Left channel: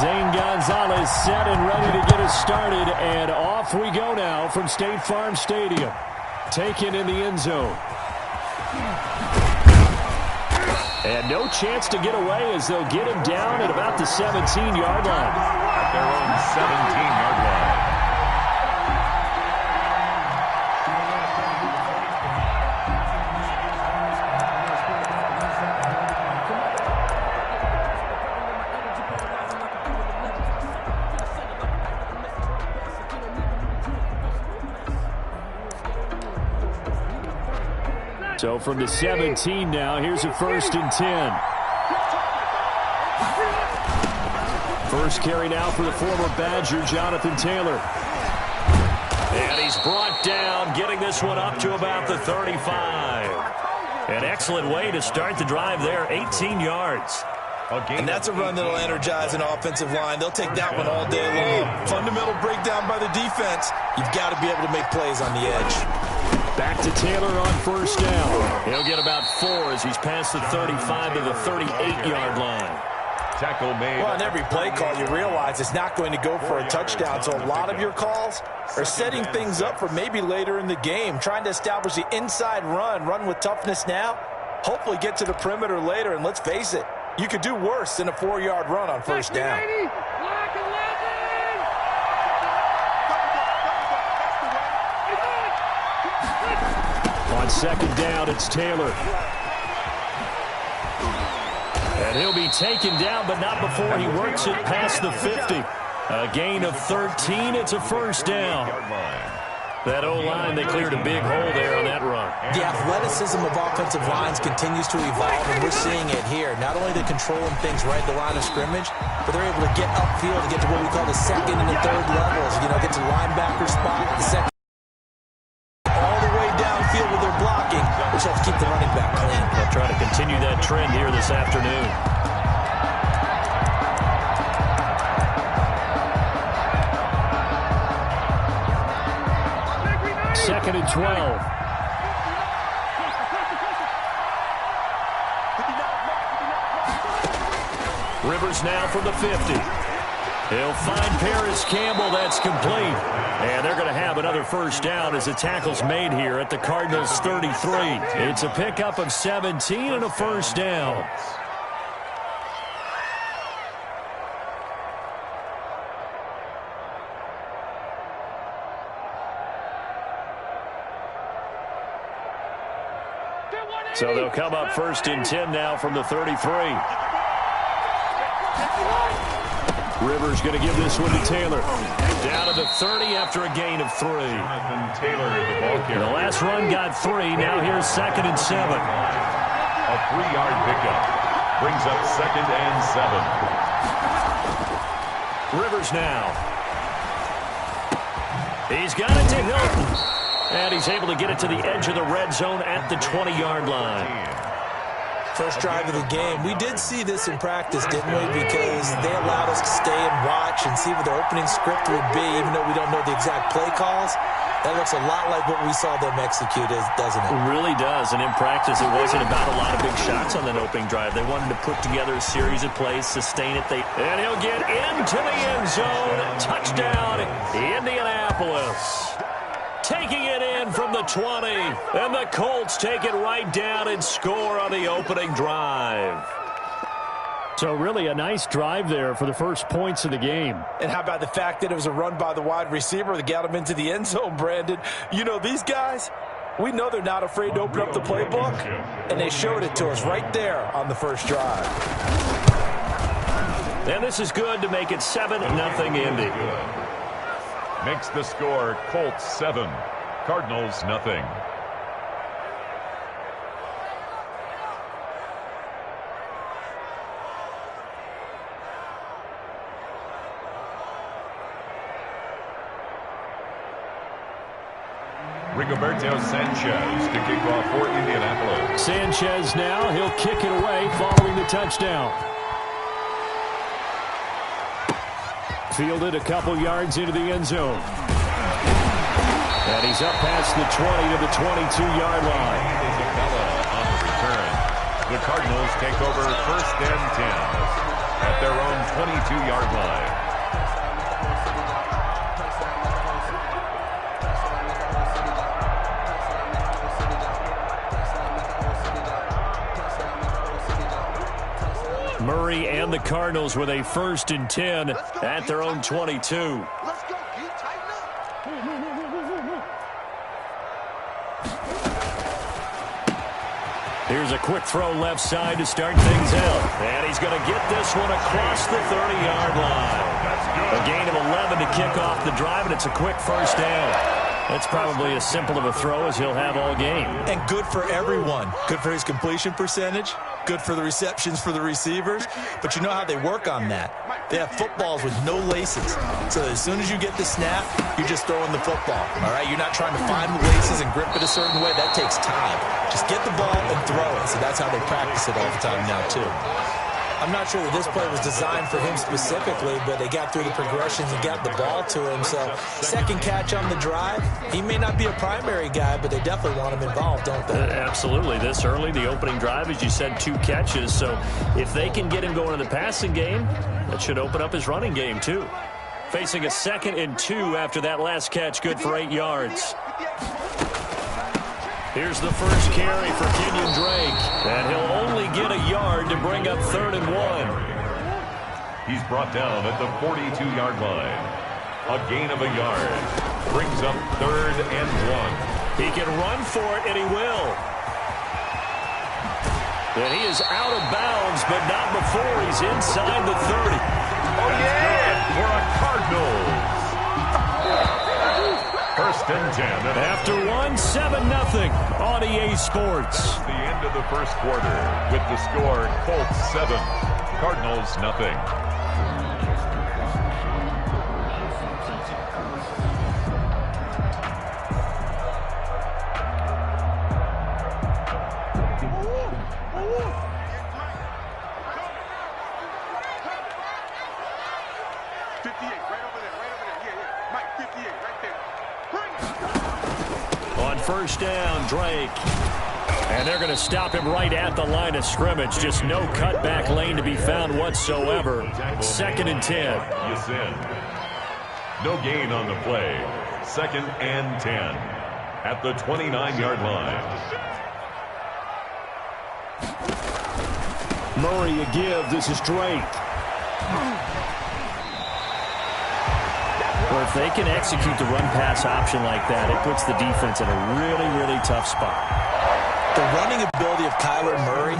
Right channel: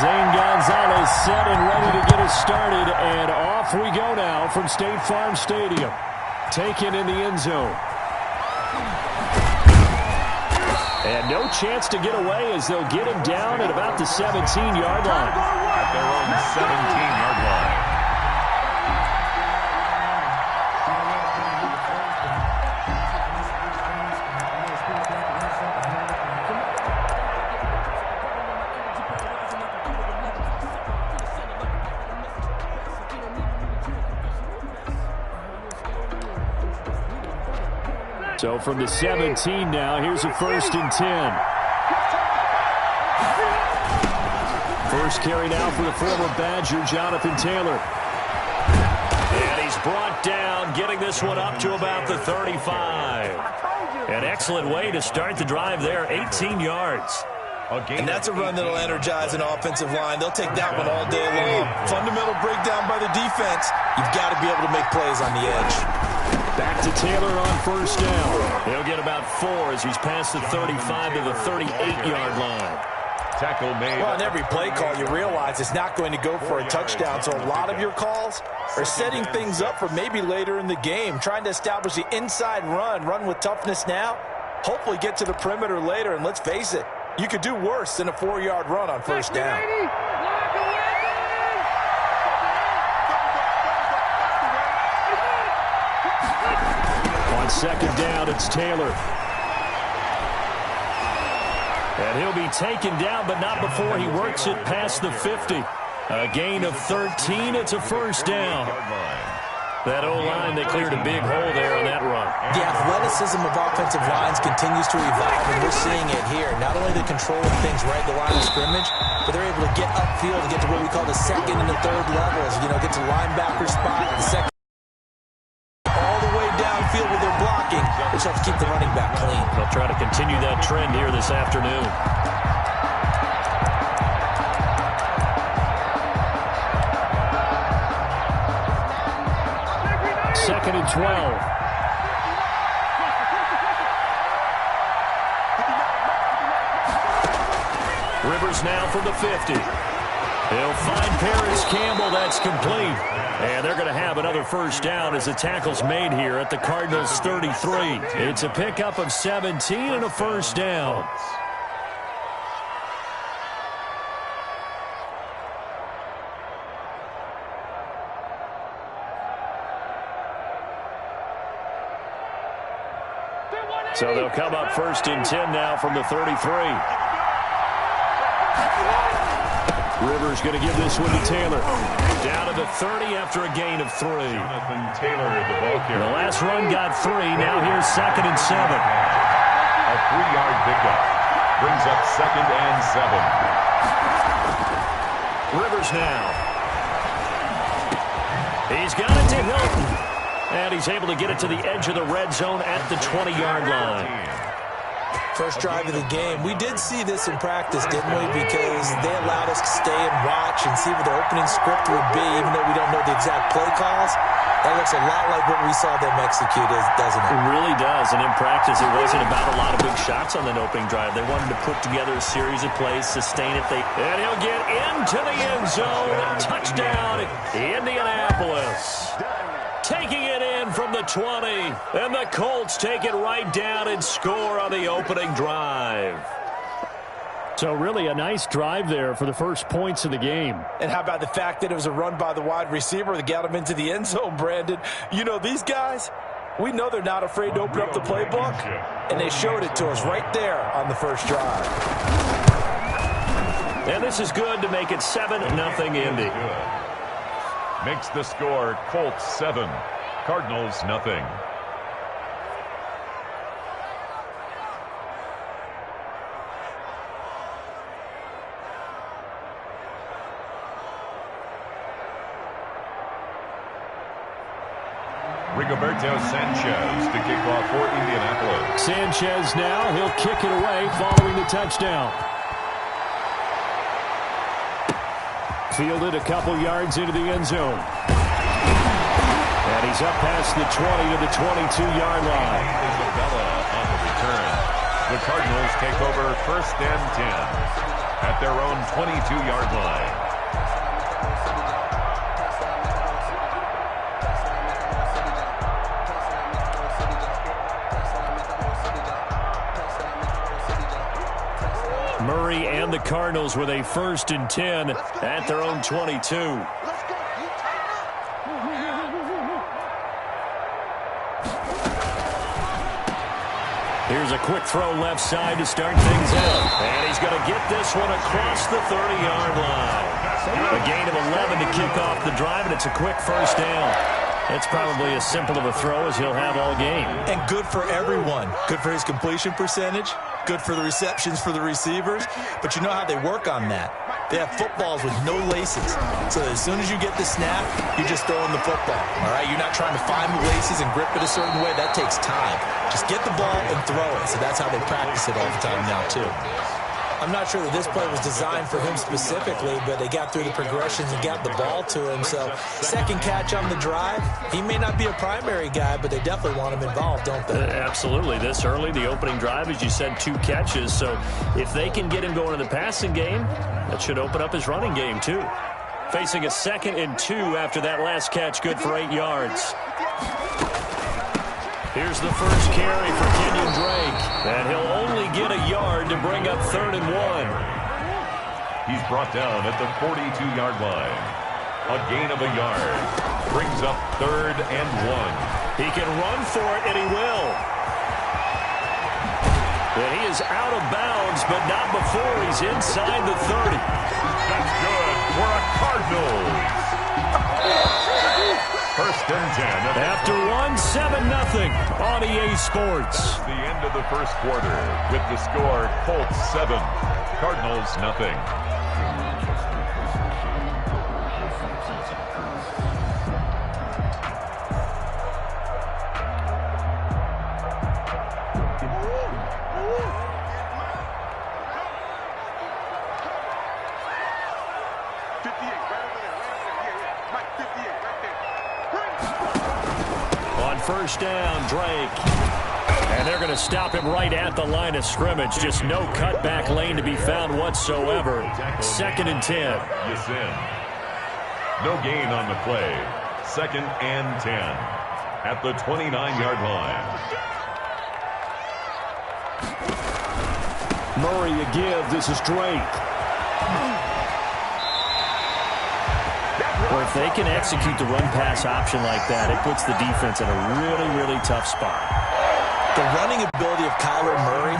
Zane Gonzalez set and ready to get us started, and off we go now from State Farm Stadium. Taken in the end zone. And no chance to get away as they'll get him down at about the 17-yard line. At their own 17-yard line. So from the 17 now, here's a 1st and 10. First carry now for the former Badger, Jonathan Taylor. And he's brought down, getting this one up to about the 35. An excellent way to start the drive there, 18 yards. And that's a run that'll energize an offensive line. They'll take that one all day long. Fundamental breakdown by the defense. You've got to be able to make plays on the edge. Back to Taylor on 1st down. He'll get about 4 as he's past the 35 to the 38-yard line. Tackle made. Well, on every play call, you realize it's not going to go for a touchdown. So a lot of your calls are setting things up for maybe later in the game, trying to establish the inside run with toughness now, hopefully get to the perimeter later. And let's face it, you could do worse than a 4-yard run on 1st down. On 2nd down, it's Taylor. And he'll be taken down, but not before he works it past the 50. A gain of 13. It's a 1st down. That O-line, they cleared a big hole there on that run. The athleticism of offensive lines continues to evolve, and we're seeing it here. Not only the controlling things right at the line of scrimmage, but they're able to get upfield to get to what we call the 2nd and the 3rd levels. You know, get to linebacker spot, the 2nd. Field with their blocking, which helps keep the running back clean. They'll try to continue that trend here this afternoon. Second and 12. Rivers now from the 50. He'll find Paris Campbell. That's complete. And they're going to have another 1st down as the tackle's made here at the Cardinals' 33. It's a pickup of 17 and a 1st down. So they'll come up 1st and 10 now from the 33. Rivers going to give this one to Taylor. Down to the 30 after a gain of 3. Jonathan Taylor, the ball carrier. The last run got 3. Now here's 2nd and 7. A 3-yard pickup brings up 2nd and 7. Rivers now. He's got it to Hilton. And he's able to get it to the edge of the red zone at the 20-yard line. First drive of the game. We did see this in practice, didn't we? Because they allowed us to stay and watch and see what their opening script would be, even though we don't know the exact play calls. That looks a lot like what we saw them execute, doesn't it? It really does. And in practice, it wasn't about a lot of big shots on that opening drive. They wanted to put together a series of plays, sustain it. And he'll get into the end zone. Touchdown, Indianapolis. Taking it in from the 20. And the Colts take it right down and score on the opening drive. So really a nice drive there for the first points of the game. And how about the fact that it was a run by the wide receiver that got him into the end zone, Brandon? You know, these guys, we know they're not afraid to open up the playbook. And they showed it to us right there on the first drive. And this is good to make it 7-0 Indy. Makes the score Colts 7, Cardinals 0. Rigoberto Sanchez to kick off for Indianapolis. Sanchez now, he'll kick it away following the touchdown. Fielded a couple yards into the end zone. And he's up past the 20 to the 22-yard line. Isabella on the return. The Cardinals take over 1st and 10. at their own 22-yard line. Murray and the Cardinals with a 1st and 10 at their own 22. Here's a quick throw left side to start things out. And he's going to get this one across the 30-yard line. A gain of 11 to kick off the drive, and it's a quick 1st down. It's probably as simple of a throw as he'll have all game. And good for everyone. Good for his completion percentage. Good for the receptions for the receivers. But you know how they work on that. They have footballs with no laces. So as soon as you get the snap, you're just throwing the football. All right? You're not trying to find the laces and grip it a certain way. That takes time. Just get the ball and throw it. So that's how they practice it all the time now, too. I'm not sure that this play was designed for him specifically, but they got through the progressions and got the ball to him. So, 2nd catch on the drive. He may not be a primary guy, but they definitely want him involved, don't they? Absolutely. This early, the opening drive, as you said, 2 catches. So, if they can get him going in the passing game, that should open up his running game, too. Facing a 2nd and 2 after that last catch, good for 8 yards. Here's the first carry for Kenyon Drake, and he'll only get a yard to bring up 3rd and 1. He's brought down at the 42-yard line. A gain of a yard brings up 3rd and 1. He can run for it, and he will. And he is out of bounds, but not before he's inside the 30. That's good for a Cardinals. 1st and 10. After 1, 7-0 on EA Sports. That's the end of the 1st quarter with the score Colts 7, Cardinals nothing. On 1st down, Drake. And they're going to stop him right at the line of scrimmage. Just no cutback lane to be found whatsoever. 2nd and 10. Yasin. No gain on the play. 2nd and 10 at the 29-yard line. Murray a give. This is Drake. Well, if they can execute the run-pass option like that, it puts the defense in a really, really tough spot. The running ability of Kyler Murray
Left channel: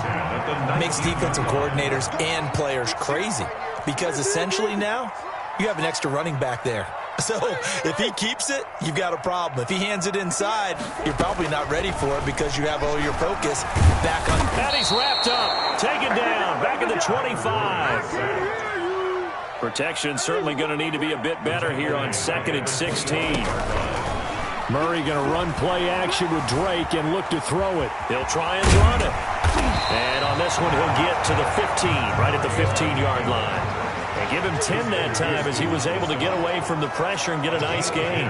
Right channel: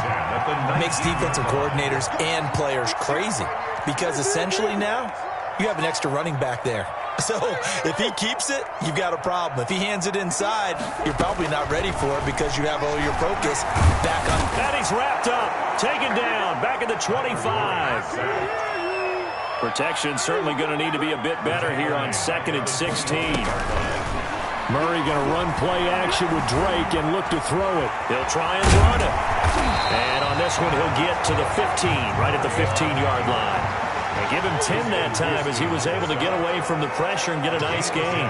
makes defensive coordinators and players crazy because essentially now you have an extra running back there. So if he keeps it, you've got a problem. If he hands it inside, you're probably not ready for it because you have all your focus back on. And he's wrapped up, taken down, back at the 25. Protection certainly going to need to be a bit better here on 2nd and 16. Murray going to run play action with Drake and look to throw it. He'll try and run it. And on this one, he'll get to the 15, right at the 15-yard line. And give him 10 that time as he was able to get away from the pressure and get a nice gain.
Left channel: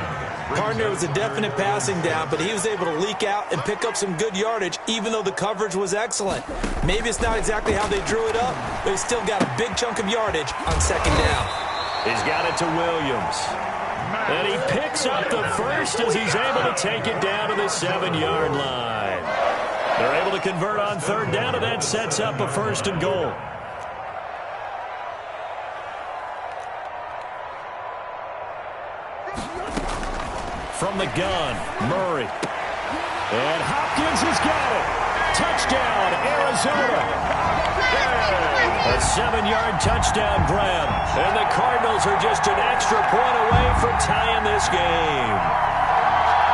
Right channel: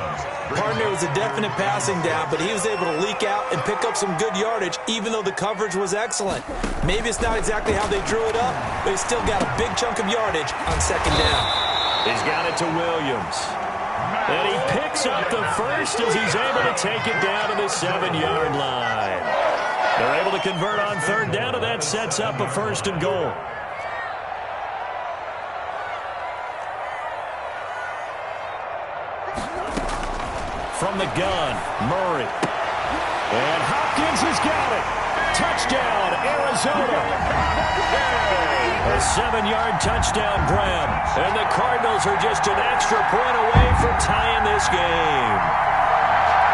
Partner was a definite passing down, but he was able to leak out and pick up some good yardage, even though the coverage was excellent. Maybe it's not exactly how they drew it up, but he's still got a big chunk of yardage on 2nd down. He's got it to Williams. And he picks up the 1st as he's able to take it down to the 7-yard line. They're able to convert on 3rd down, and that sets up a 1st and goal. From the gun, Murray. And Hopkins has got it. Touchdown, Arizona. A 7-yard touchdown grab. And the Cardinals are just an extra point away from tying this game.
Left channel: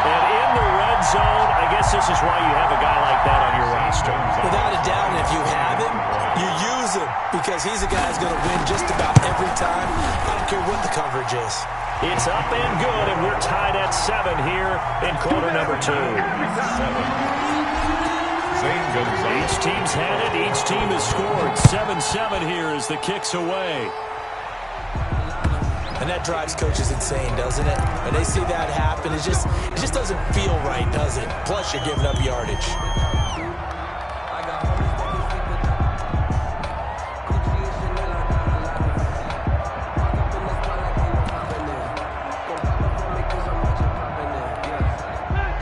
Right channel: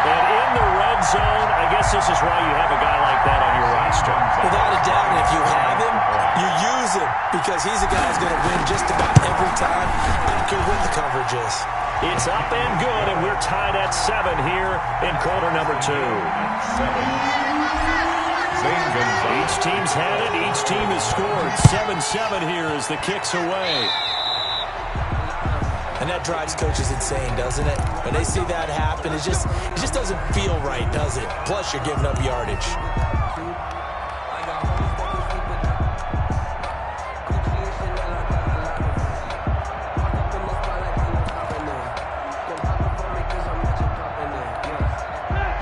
And in the red zone, I guess this is why you have a guy like that on your roster. Without a doubt, and if you have him, you use him because he's a guy who's going to win just about every time. I don't care what the coverage is. It's up and good, and we're tied at 7 here in quarter number 2. 7. Each team's had it. Each team has scored. 7-7 here as the kick's away. And that drives coaches insane, doesn't it? When they see that happen, it just doesn't feel right, does it? Plus, you're giving up yardage.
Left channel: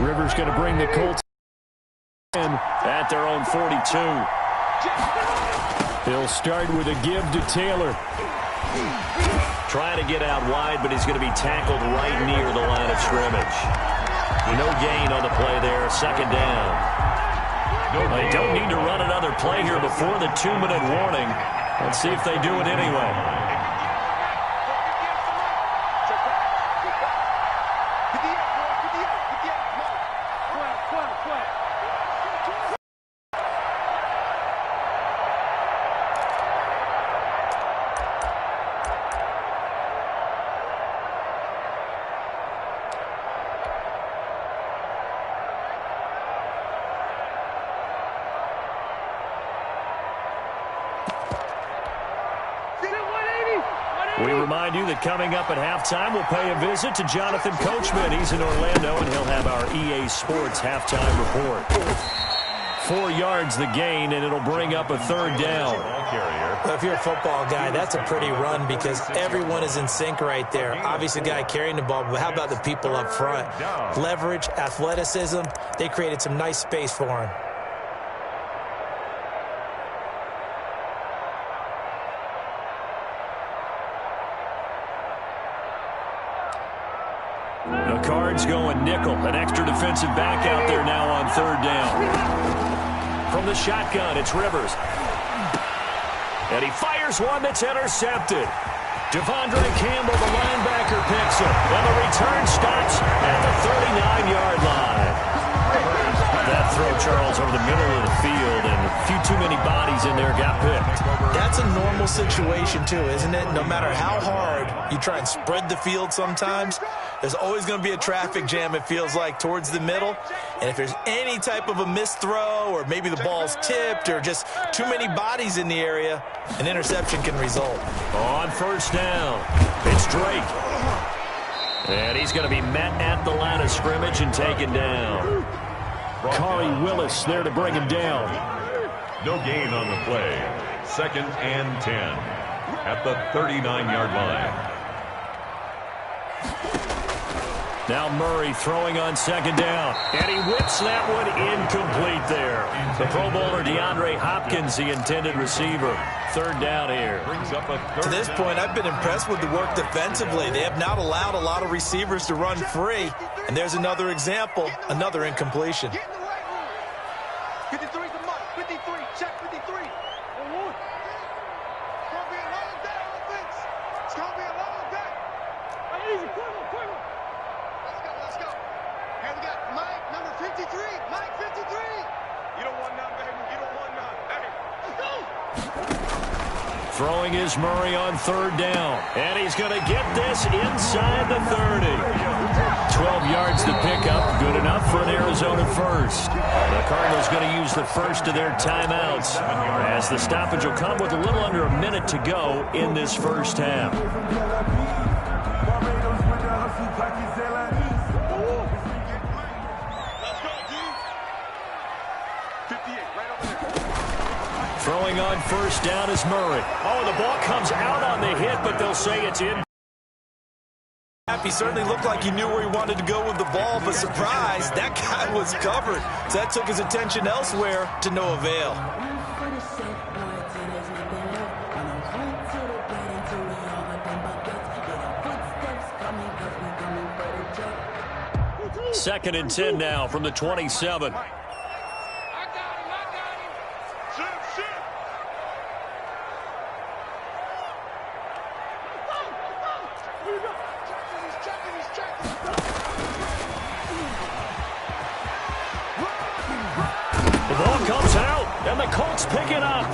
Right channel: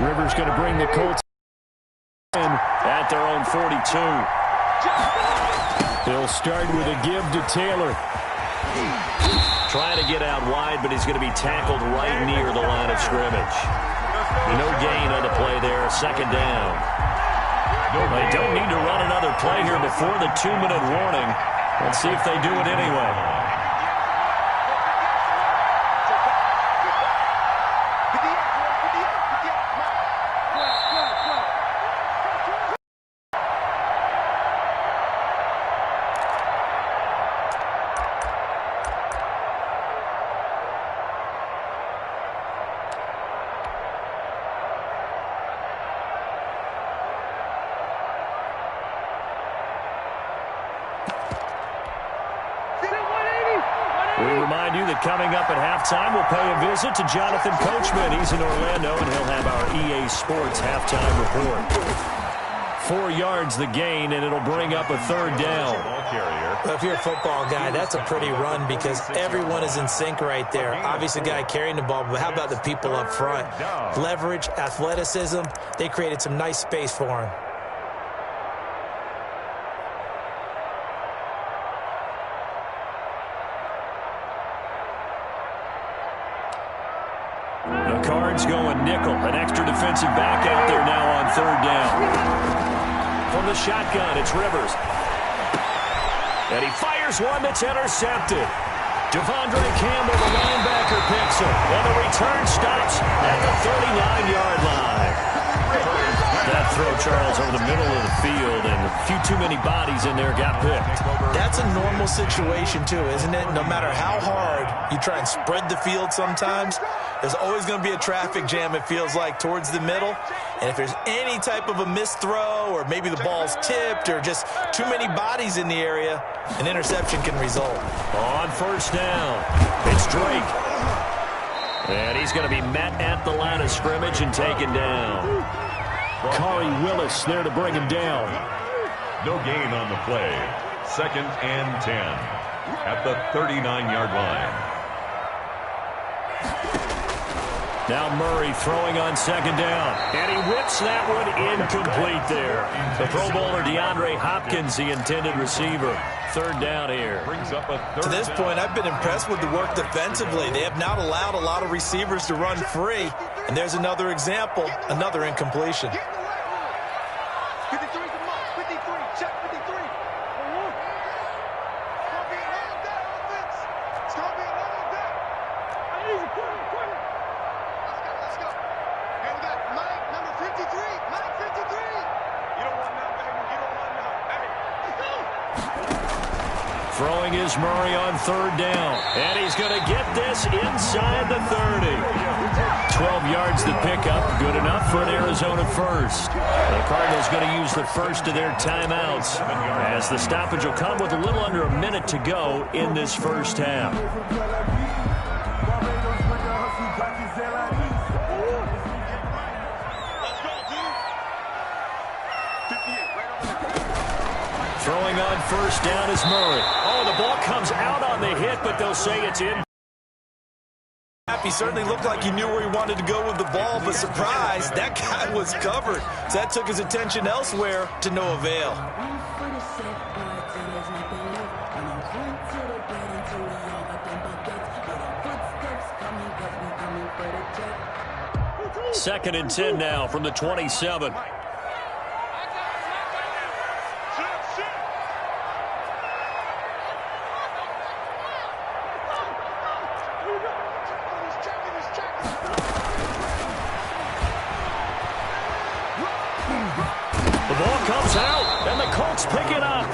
Rivers going to bring the Colts in at their own 42. He'll start with a give to Taylor. Trying to get out wide, but he's going to be tackled right near the line of scrimmage. No gain on the play there. Second down. They don't need to run another play here before the 2-minute warning. Let's see if they do it anyway. We remind you that coming up at halftime, we'll pay a visit to Jonathan Coachman. He's in Orlando, and he'll have our EA Sports halftime report. 4 yards the gain, and it'll bring up a third down. Well, if you're a football guy, that's a pretty run because everyone is in sync right there. Obviously, the guy carrying the ball, but how about the people up front? Leverage, athleticism, they created some nice space for him. The Cards going nickel. An extra defensive back out there now on third down. From the shotgun, it's Rivers. And he fires one that's intercepted. Devondre Campbell, the linebacker, picks it. And the return stops at the 39-yard line. That throw, Charles, over the middle of the field, and a few too many bodies in there got picked. That's a normal situation, too, isn't it? No matter how hard you try and spread the field sometimes, there's always going to be a traffic jam, it feels like, towards the middle. And if there's any type of a missed throw or maybe the ball's tipped or just too many bodies in the area, an interception can result. On first down, it's Drake. And he's going to be met at the line of scrimmage and taken down. Khari Willis there to bring him down. No gain on the play. 2nd and 10 at the 39-yard line. Now Murray throwing on second down. And he whips that one incomplete there. The Pro Bowler DeAndre Hopkins, the intended receiver. Third down here. To this point, I've been impressed with the work defensively. They have not allowed a lot of receivers to run free. And there's another example, another incompletion. 53 to Mike. 53. Check 53. It's going to be a long day, offense. It's going to be a long day. Easy, quick. Let's go. Hey, we got Mike, number 53. Mike, 53. You don't want none, baby. You don't want none. Hey, let's go. Throwing is Murray on third down. And he's going to get this inside the 30. 12 yards to pick up. Good enough for an Arizona first. The Cardinals going to use the first of their timeouts as the stoppage will come with a little under a minute to go in this first half. Throwing on first down is Murray. Oh, the ball comes out on the hit, but they'll say it's in. He certainly looked like he knew where he wanted to go with the ball, but surprise, that guy was covered. So that took his attention elsewhere to no avail. Second and 10 now from the 27. The ball comes out, and the Colts pick it up.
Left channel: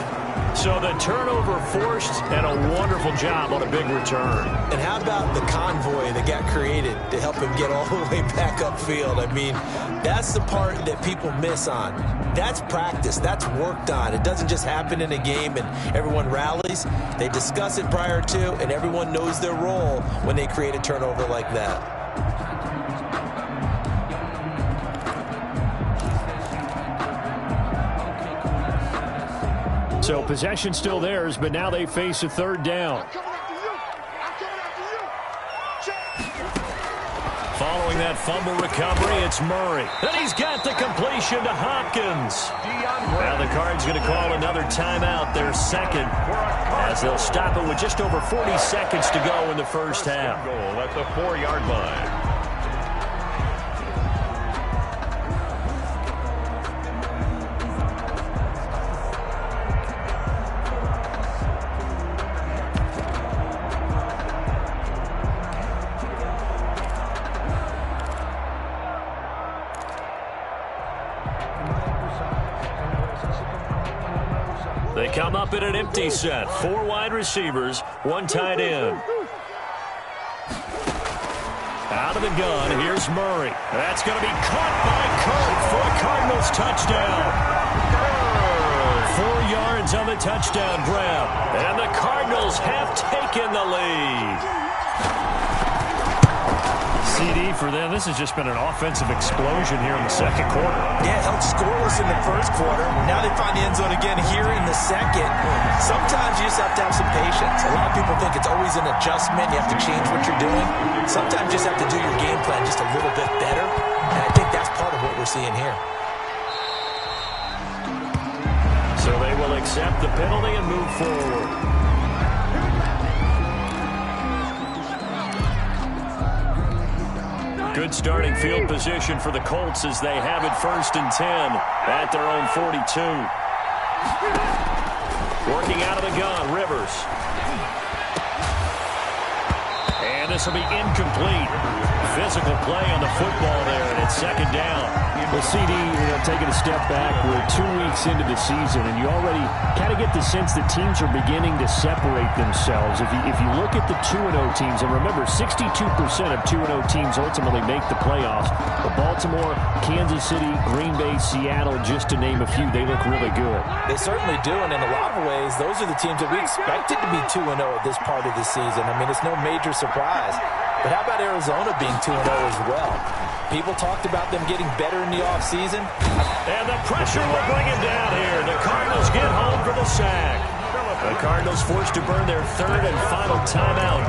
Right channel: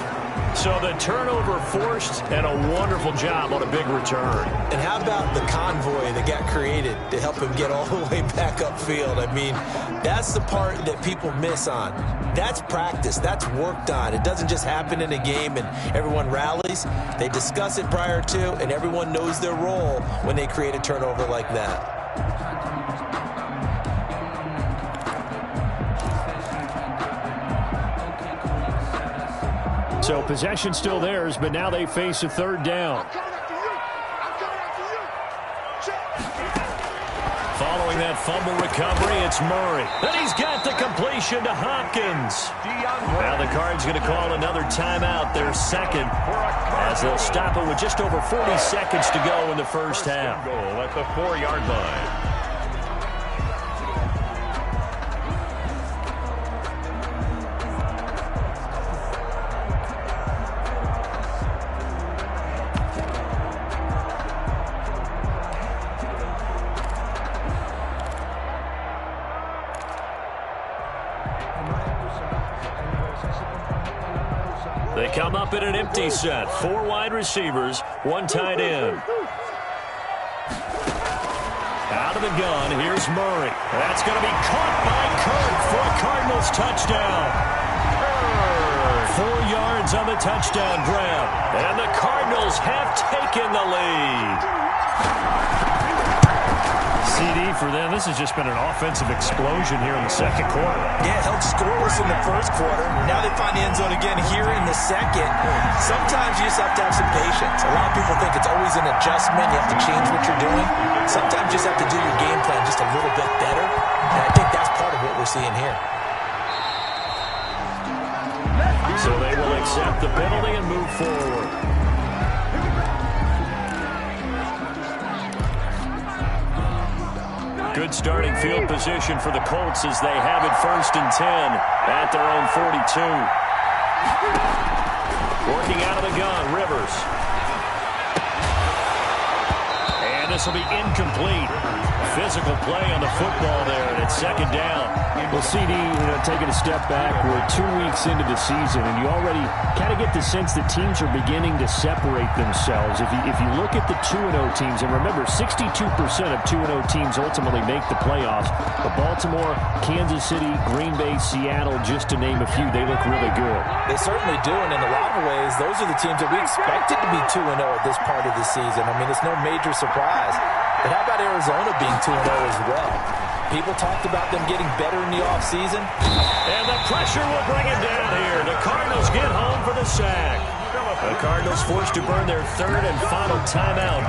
So the turnover forced, and a wonderful job on a big return. And how about the convoy that got created to help him get all the way back upfield? I mean, that's the part that people miss on. That's practice. That's worked on. It doesn't just happen in a game and everyone rallies. They discuss it prior to, and everyone knows their role when they create a turnover like that. So possession still theirs, but now they face a third down. Following that fumble recovery, it's Murray. And he's got the completion to Hopkins. Now the Cards going to call another timeout, their second, as they'll stop it with just over 40 seconds to go in the first half. Goal at the 4-yard line. They come up in an empty set. 4 wide receivers, 1 tight end. Out of the gun, here's Murray. That's going to be caught by Kirk for a Cardinals touchdown. 4 yards on the touchdown grab. And the Cardinals have taken the lead. CD for them. This has just been an offensive explosion here in the second quarter. Yeah, held scoreless in the first quarter. Now they find the end zone again here in the second. Sometimes you just have to have some patience. A lot of people think it's always an adjustment. You have to change what you're doing. Sometimes you just have to do your game plan just a little bit better. And I think that's part of what we're seeing here. So they will accept the penalty and move forward. Good starting field position for the Colts as they have it 1st and 10 at their own 42. Working out of the gun, Rivers. And this will be incomplete. Physical play on the football there, and it's 2nd down. Well, CD, taking a step back, we're 2 weeks into the season, and you already kind of get the sense that teams are beginning to separate themselves. If you look at the 2-0 teams, and remember, 62% of 2-0 teams ultimately make the playoffs. But Baltimore, Kansas City, Green Bay, Seattle, just to name a few, they look really good. They certainly do, and in a lot of ways, those are the teams that we expected to be 2-0 at this part of the season. I mean, it's no major surprise. But how about Arizona being 2-0 as well? People talked about them getting better in the offseason. And the pressure will bring him down here. The Cardinals get home for the sack. The Cardinals forced to burn their 3rd and final timeout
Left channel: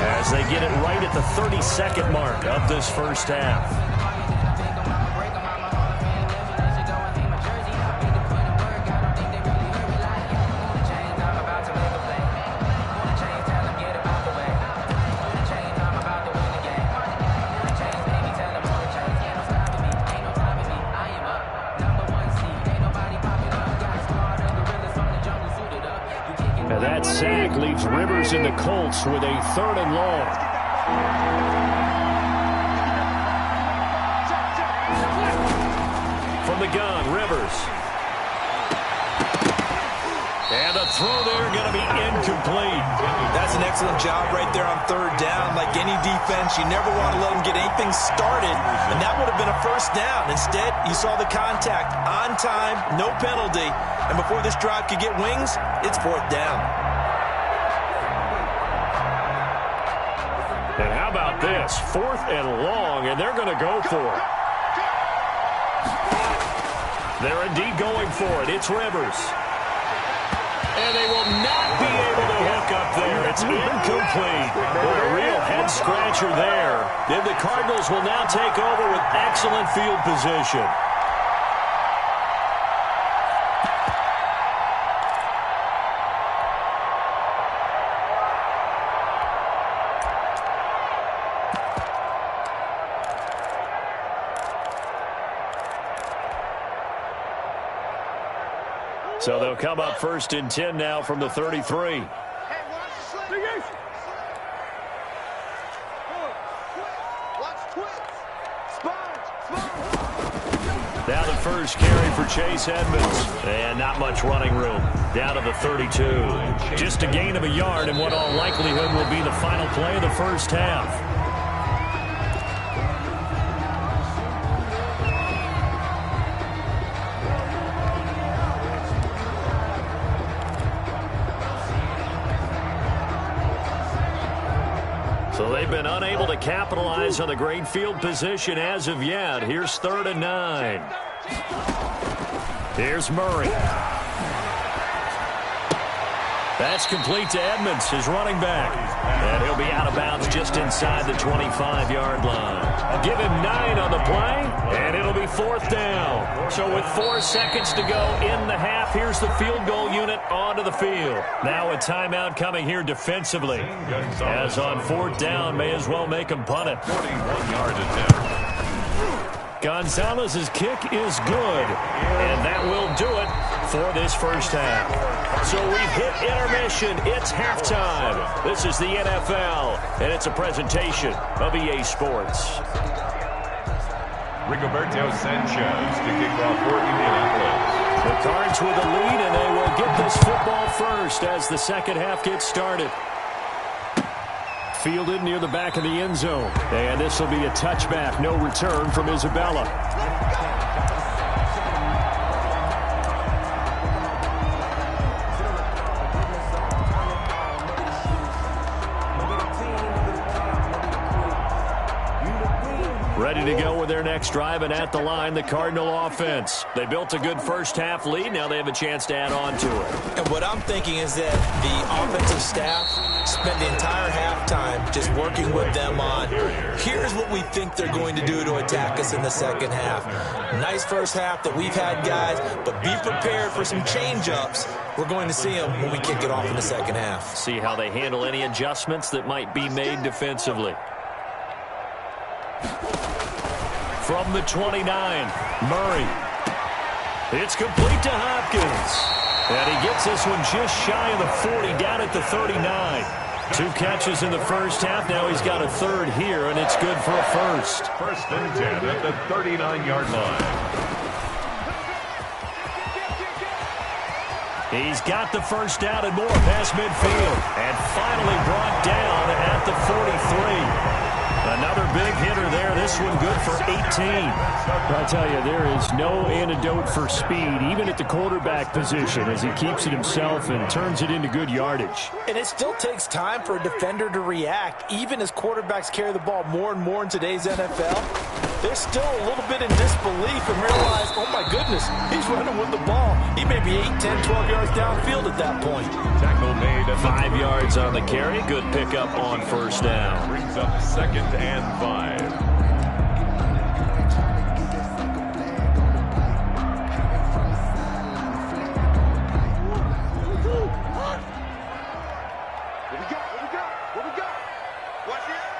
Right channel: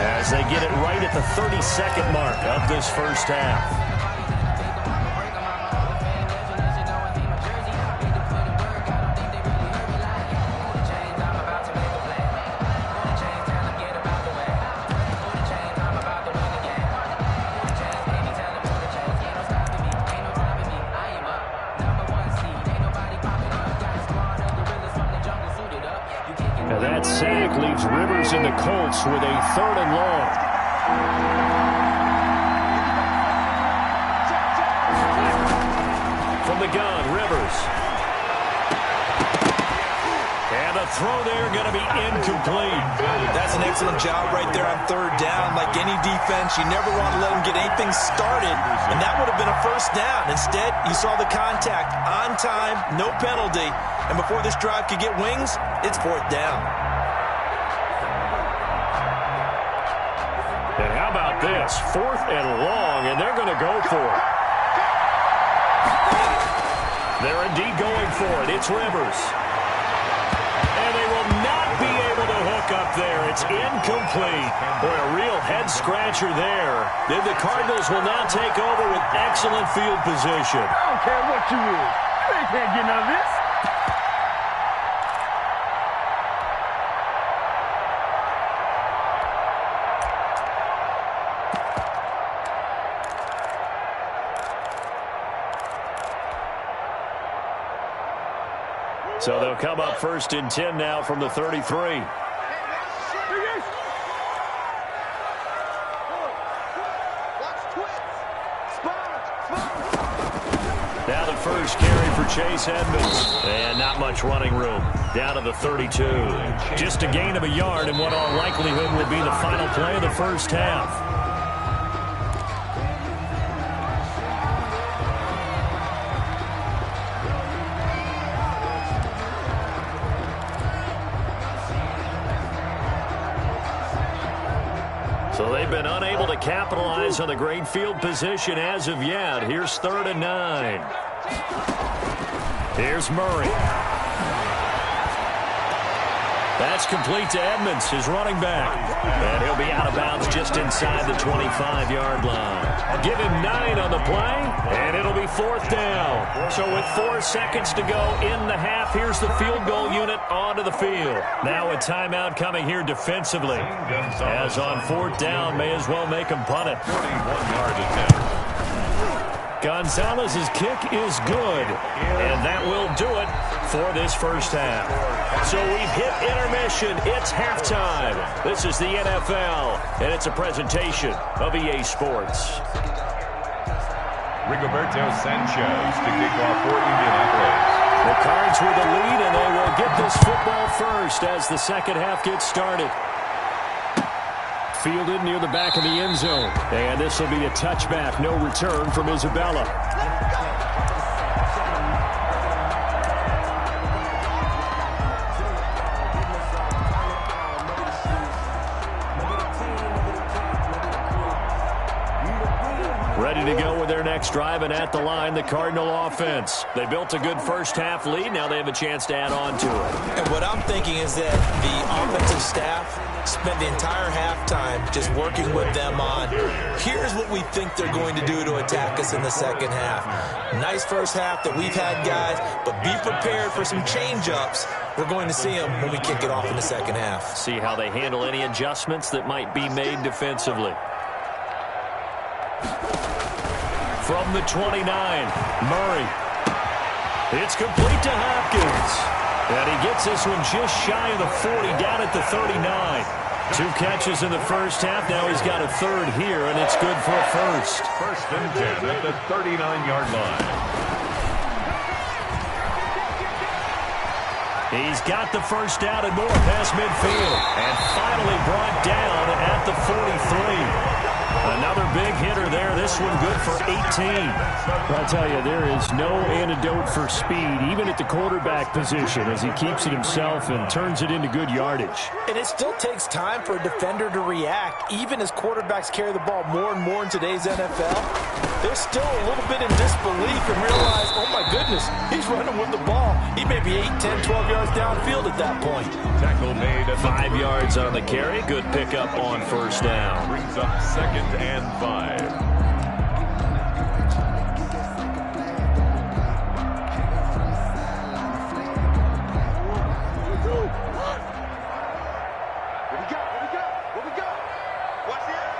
as they get it right at the 32nd mark of this first half. That sack leaves Rivers and the Colts with a 3rd and long. From the gun, Rivers. And the throw there going to be incomplete. That's an excellent job right there on 3rd down. Like any defense, you never want to let them get anything started, and that would have been a 1st down. Instead, you saw the contact on time, no penalty, and before this drive could get wings, it's 4th down. And how about this? 4th and long, and they're going to go for it. They're indeed going for it. It's Rivers. And they will not be able to hook up there. It's incomplete. Boy, a real head-scratcher there. Then the Cardinals will now take over with excellent field position. I don't care what you is. You ain't can't get none of this. So they'll come up 1st and 10 now from the 33. Now the first carry for Chase Edmonds. And not much running room. Down to the 32. Just a gain of a yard in what all likelihood will be the final play of the first half. So they've been unable to capitalize on the great field position as of yet. Here's 3rd and 9. Here's Murray. That's complete to Edmonds, his running back. And he'll be out of bounds just inside the 25-yard line. I'll give him 9 on the play, and it'll be 4th down. So with 4 seconds to go in the half, here's the field goal unit onto the field. Now a timeout coming here defensively. As on 4th down, may as well make him punt it. 41-yard attempt. Gonzalez's kick is good, and that will do it for this first half. So we've hit intermission. It's halftime. This is the NFL, and it's a presentation of EA Sports. Rigoberto Sanchez to kick off for Indianapolis. The Cards with a lead, and they will get this football first as the second half gets started. Fielded near the back of the end zone. And this will be a touchback. No return from Isabella. Ready to go with their next drive, and at the line, the Cardinal offense. They built a good first half lead. Now they have a chance to add on to it. And what I'm thinking is that the offensive staff spent the entire halftime just working with them on, here's what we think they're going to do to attack us in the second half. Nice first half that we've had, guys, but be prepared for some change-ups. We're going to see them when we kick it off in the second half. See how they handle any adjustments that might be made defensively. From the 29, Murray. It's complete to Hopkins. And he gets this one just shy of the 40, down at the 39. 2 catches in the first half. Now he's got a third here, and it's good for a first. 1st and 10 at the 39-yard line. He's got the first down and more past midfield. And finally brought down at the 43. Another big hitter there. This one good for 18. I tell you, there is no antidote for speed, even at the quarterback position, as he keeps it himself and turns it into good yardage. And it still takes time for a defender to react, even as quarterbacks carry the ball more and more in today's NFL. They're still a little bit in disbelief and realize, oh my goodness, he's running with the ball. He may be 8, 10, 12 yards downfield at that point. Tackle made at 5 yards on the carry. Good pickup on first down. Brings up 2nd and 5. What we got? What we got? What we got? Watch the air.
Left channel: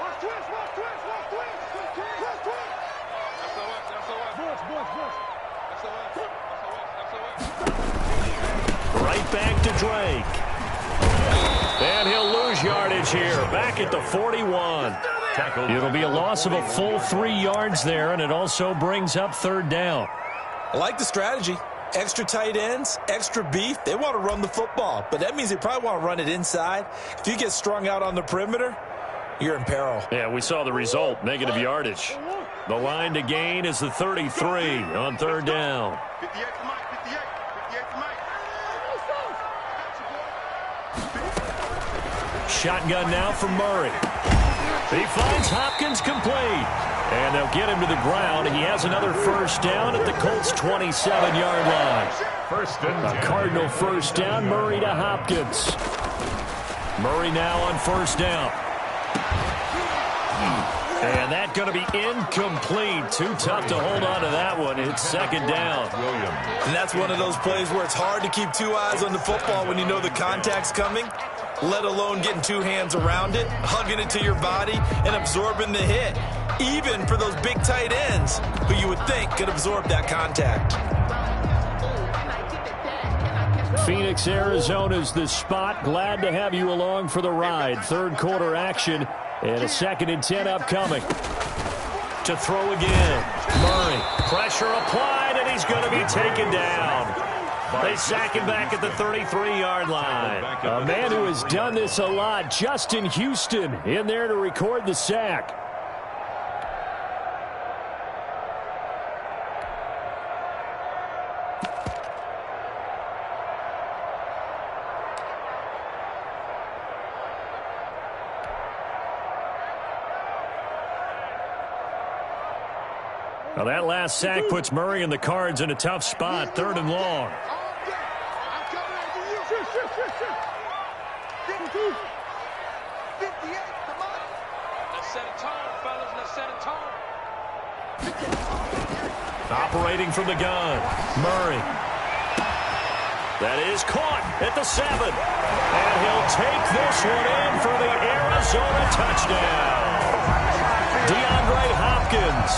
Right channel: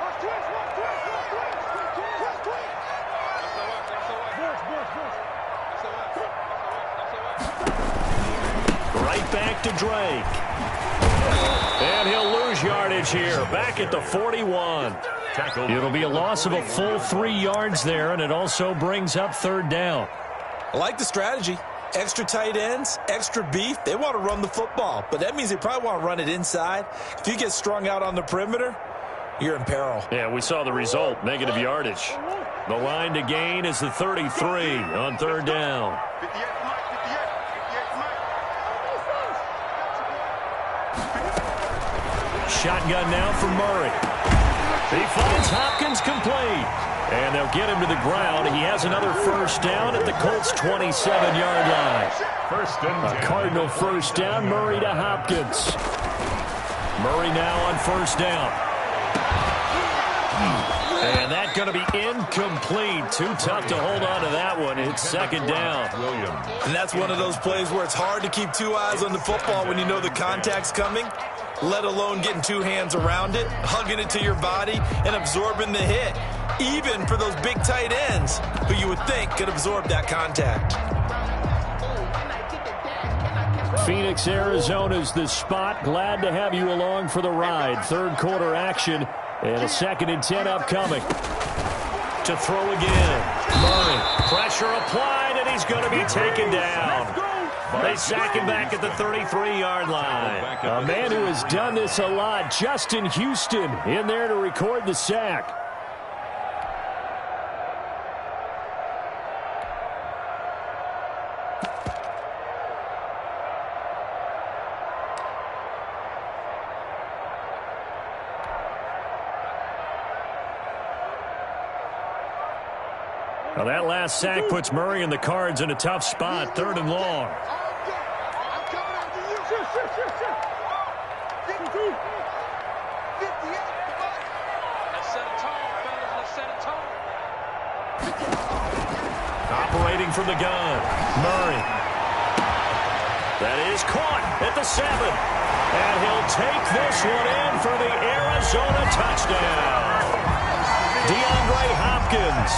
Watch twist. Watch twist. Watch twist. Twist, twist. That's the what. That's the what. Bush. That's the what. That's the what. Right back to Drake. And he'll lose yardage here. Back at the 41. It'll be a loss of a full 3 yards there, and it also brings up 3rd down. I like the strategy. Extra tight ends, extra beef. They want to run the football, but that means they probably want to run it inside. If you get strung out on the perimeter, you're in peril. Yeah, we saw the result, negative yardage. The line to gain is the 33 on 3rd down. 58 for Mike. 58 for Mike. Shotgun now for Murray. He finds Hopkins complete. And they'll get him to the ground. He has another first down at the Colts' 27-yard line. 1st and 10. A Cardinal first down, Murray to Hopkins. Murray now on first down. And that's going to be incomplete. Too tough to hold on to that one. It's 2nd down. Williams. And that's one of those plays where it's hard to keep 2 eyes on the football when you know the contact's coming, let alone getting 2 hands around it, hugging it to your body, and absorbing the hit. Even for those big tight ends who you would think could absorb that contact. Phoenix, Arizona's the spot. Glad to have you along for the ride. 3rd quarter action and a 2nd and 10 upcoming. To throw again. Murray. Pressure applied, and he's going to be taken down. They sack him back at the 33-yard line. A man who has done this a lot, Justin Houston, in there to record the sack. Now that last sack puts Murray and the Cards in a tough spot, 3rd and long. I'm coming after you. 52. 58, come on. Let's set a tone, fellas. Let's set a tone. Operating from the gun, Murray. That is caught at the 7. And he'll take this one in for the Arizona touchdown. DeAndre Hopkins,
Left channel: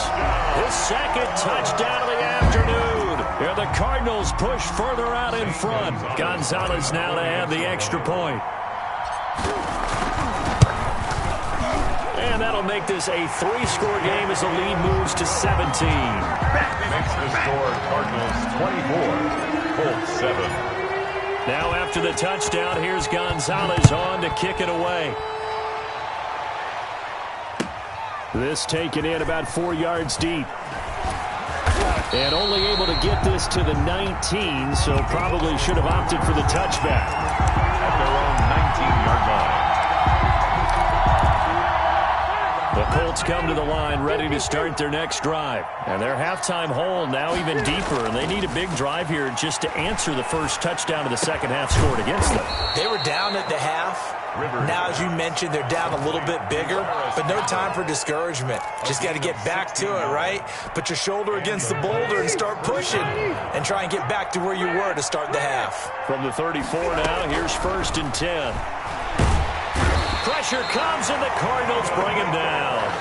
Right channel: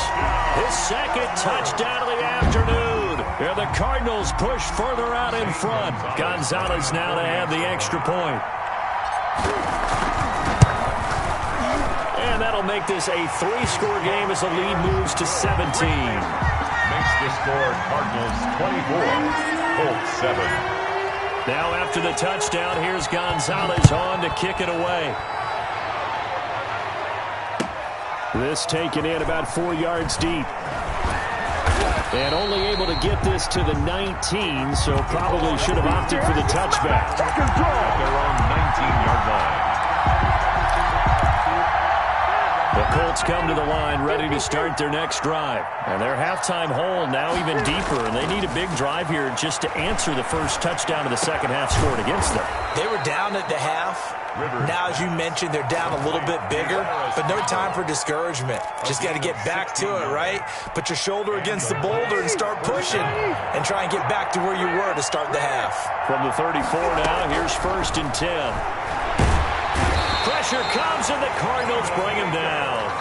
his second touchdown of the afternoon. And the Cardinals push further out in front. Gonzalez now to add the extra point. And that'll make this a 3-score game as the lead moves to 17. Makes the score Cardinals 24, Colts 7. Now after the touchdown, here's Gonzalez on to kick it away. This taken in about 4 yards deep. And only able to get this to the 19, so probably should have opted for the touchback. At their own 19-yard line. The Colts come to the line ready to start their next drive. And their halftime hole now even deeper, and they need a big drive here just to answer the first touchdown of the second half scored against them. They were down at the half. Now, as you mentioned, they're down a little bit bigger, but no time for discouragement. Just got to get back to it, right? Put your shoulder against the boulder and start pushing and try and get back to where you were to start the half. From the 34 now, here's 1st and 10. Pressure comes, and the Cardinals bring him down.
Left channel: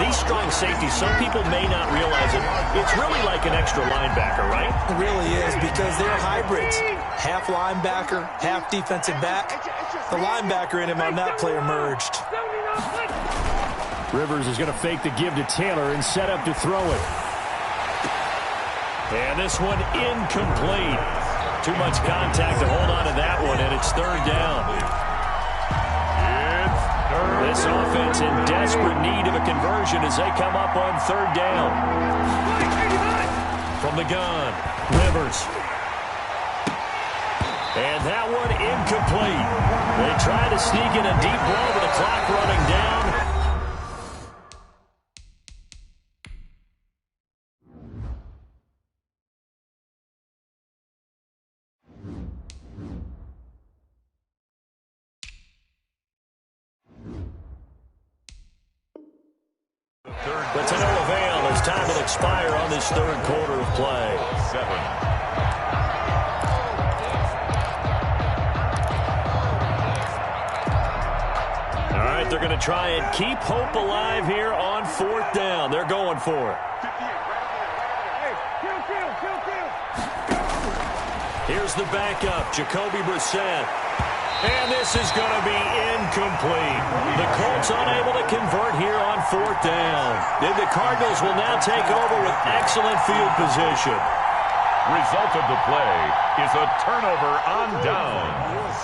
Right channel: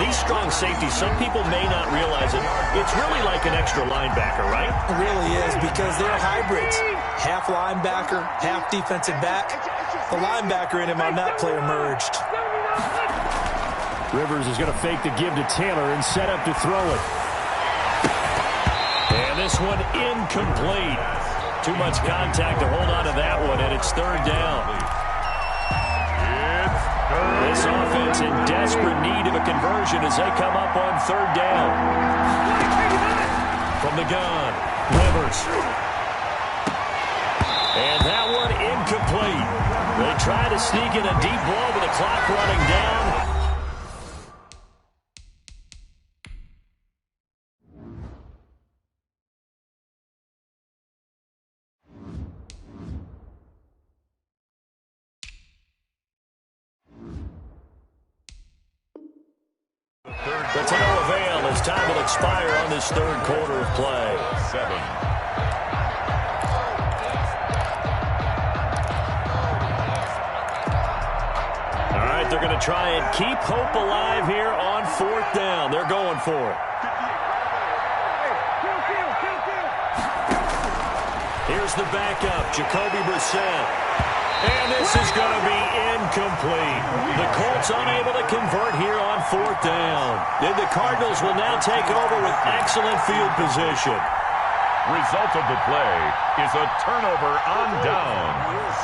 These strong safeties, some people may not realize it. It's really like an extra linebacker, right? It really is, because they're hybrids. Half linebacker, half defensive back. The linebacker in him on that play emerged. Rivers is going to fake the give to Taylor and set up to throw it. And this one incomplete. Too much contact to hold on to that one, and it's 3rd down. This offense in desperate need of a conversion as they come up on 3rd down. From the gun, Rivers. And that one incomplete. They try to sneak in a deep ball with the clock running down. But to no avail as time will expire on this 3rd quarter of play. 7. All right, they're going to try and keep hope alive here on 4th down. They're going for it. Here's the backup, Jacoby Brissett. And this is going to be incomplete. The Colts unable to convert here on 4th down. And the Cardinals will now take over with excellent field position. Result of the play is a turnover on downs.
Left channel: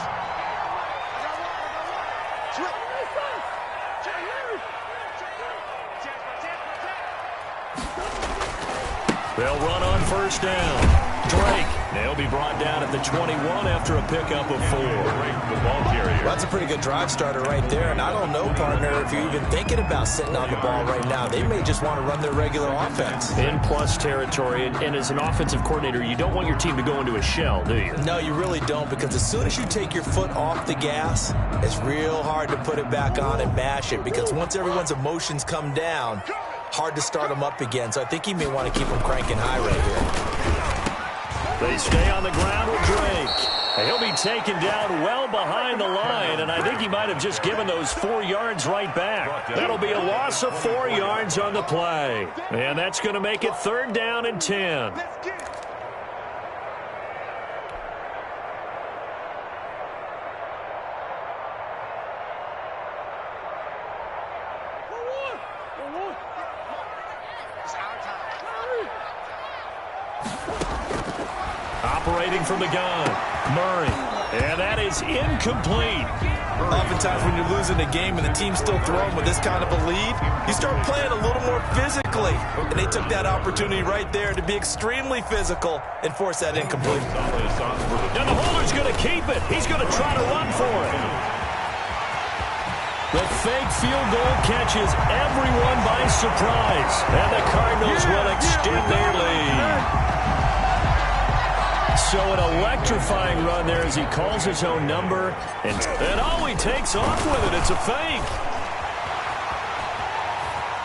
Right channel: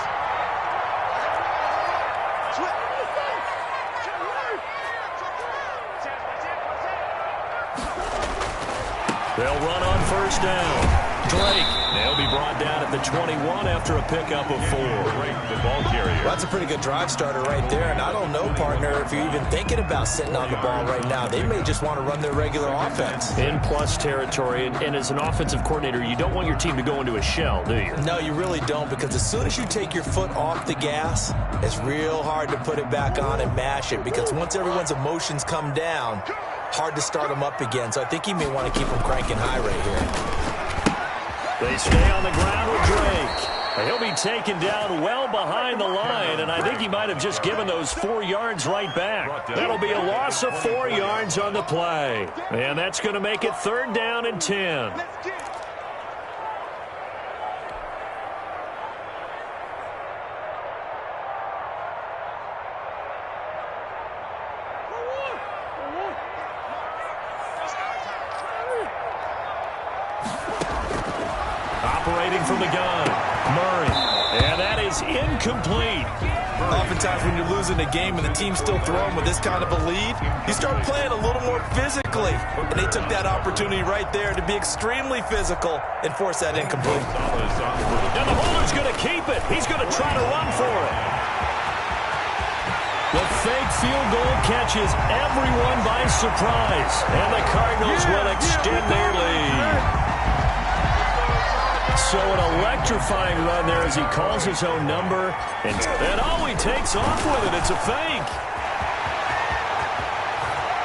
They'll run on 1st down. Drake, they'll be brought down at the 21 after a pickup of 4. Drake, the ball carrier. Well, that's a pretty good drive starter right there. And I don't know, partner, if you're even thinking about sitting on the ball right now. They may just want to run their regular offense. In plus territory, and as an offensive coordinator, you don't want your team to go into a shell, do you? No, you really don't, because as soon as you take your foot off the gas, it's real hard to put it back on and mash it, because once everyone's emotions come down, hard to start them up again. So I think he may want to keep them cranking high right here. They stay on the ground with Drake. He'll be taken down well behind the line, and I think he might have just given those 4 yards right back. That'll be a loss of 4 yards on the play. And that's going to make it 3rd down and 10. Operating from the gun, Murray. And that is incomplete. Oftentimes when you're losing a game and the team's still throwing with this kind of a lead, you start playing a little more physically. And they took that opportunity right there to be extremely physical and force that incomplete. And the holder's going to keep it. He's going to try to run for it. The fake field goal catches everyone by surprise. And the Cardinals will extend their lead. So an electrifying run there as he calls his own number. And he takes off with it. It's a fake.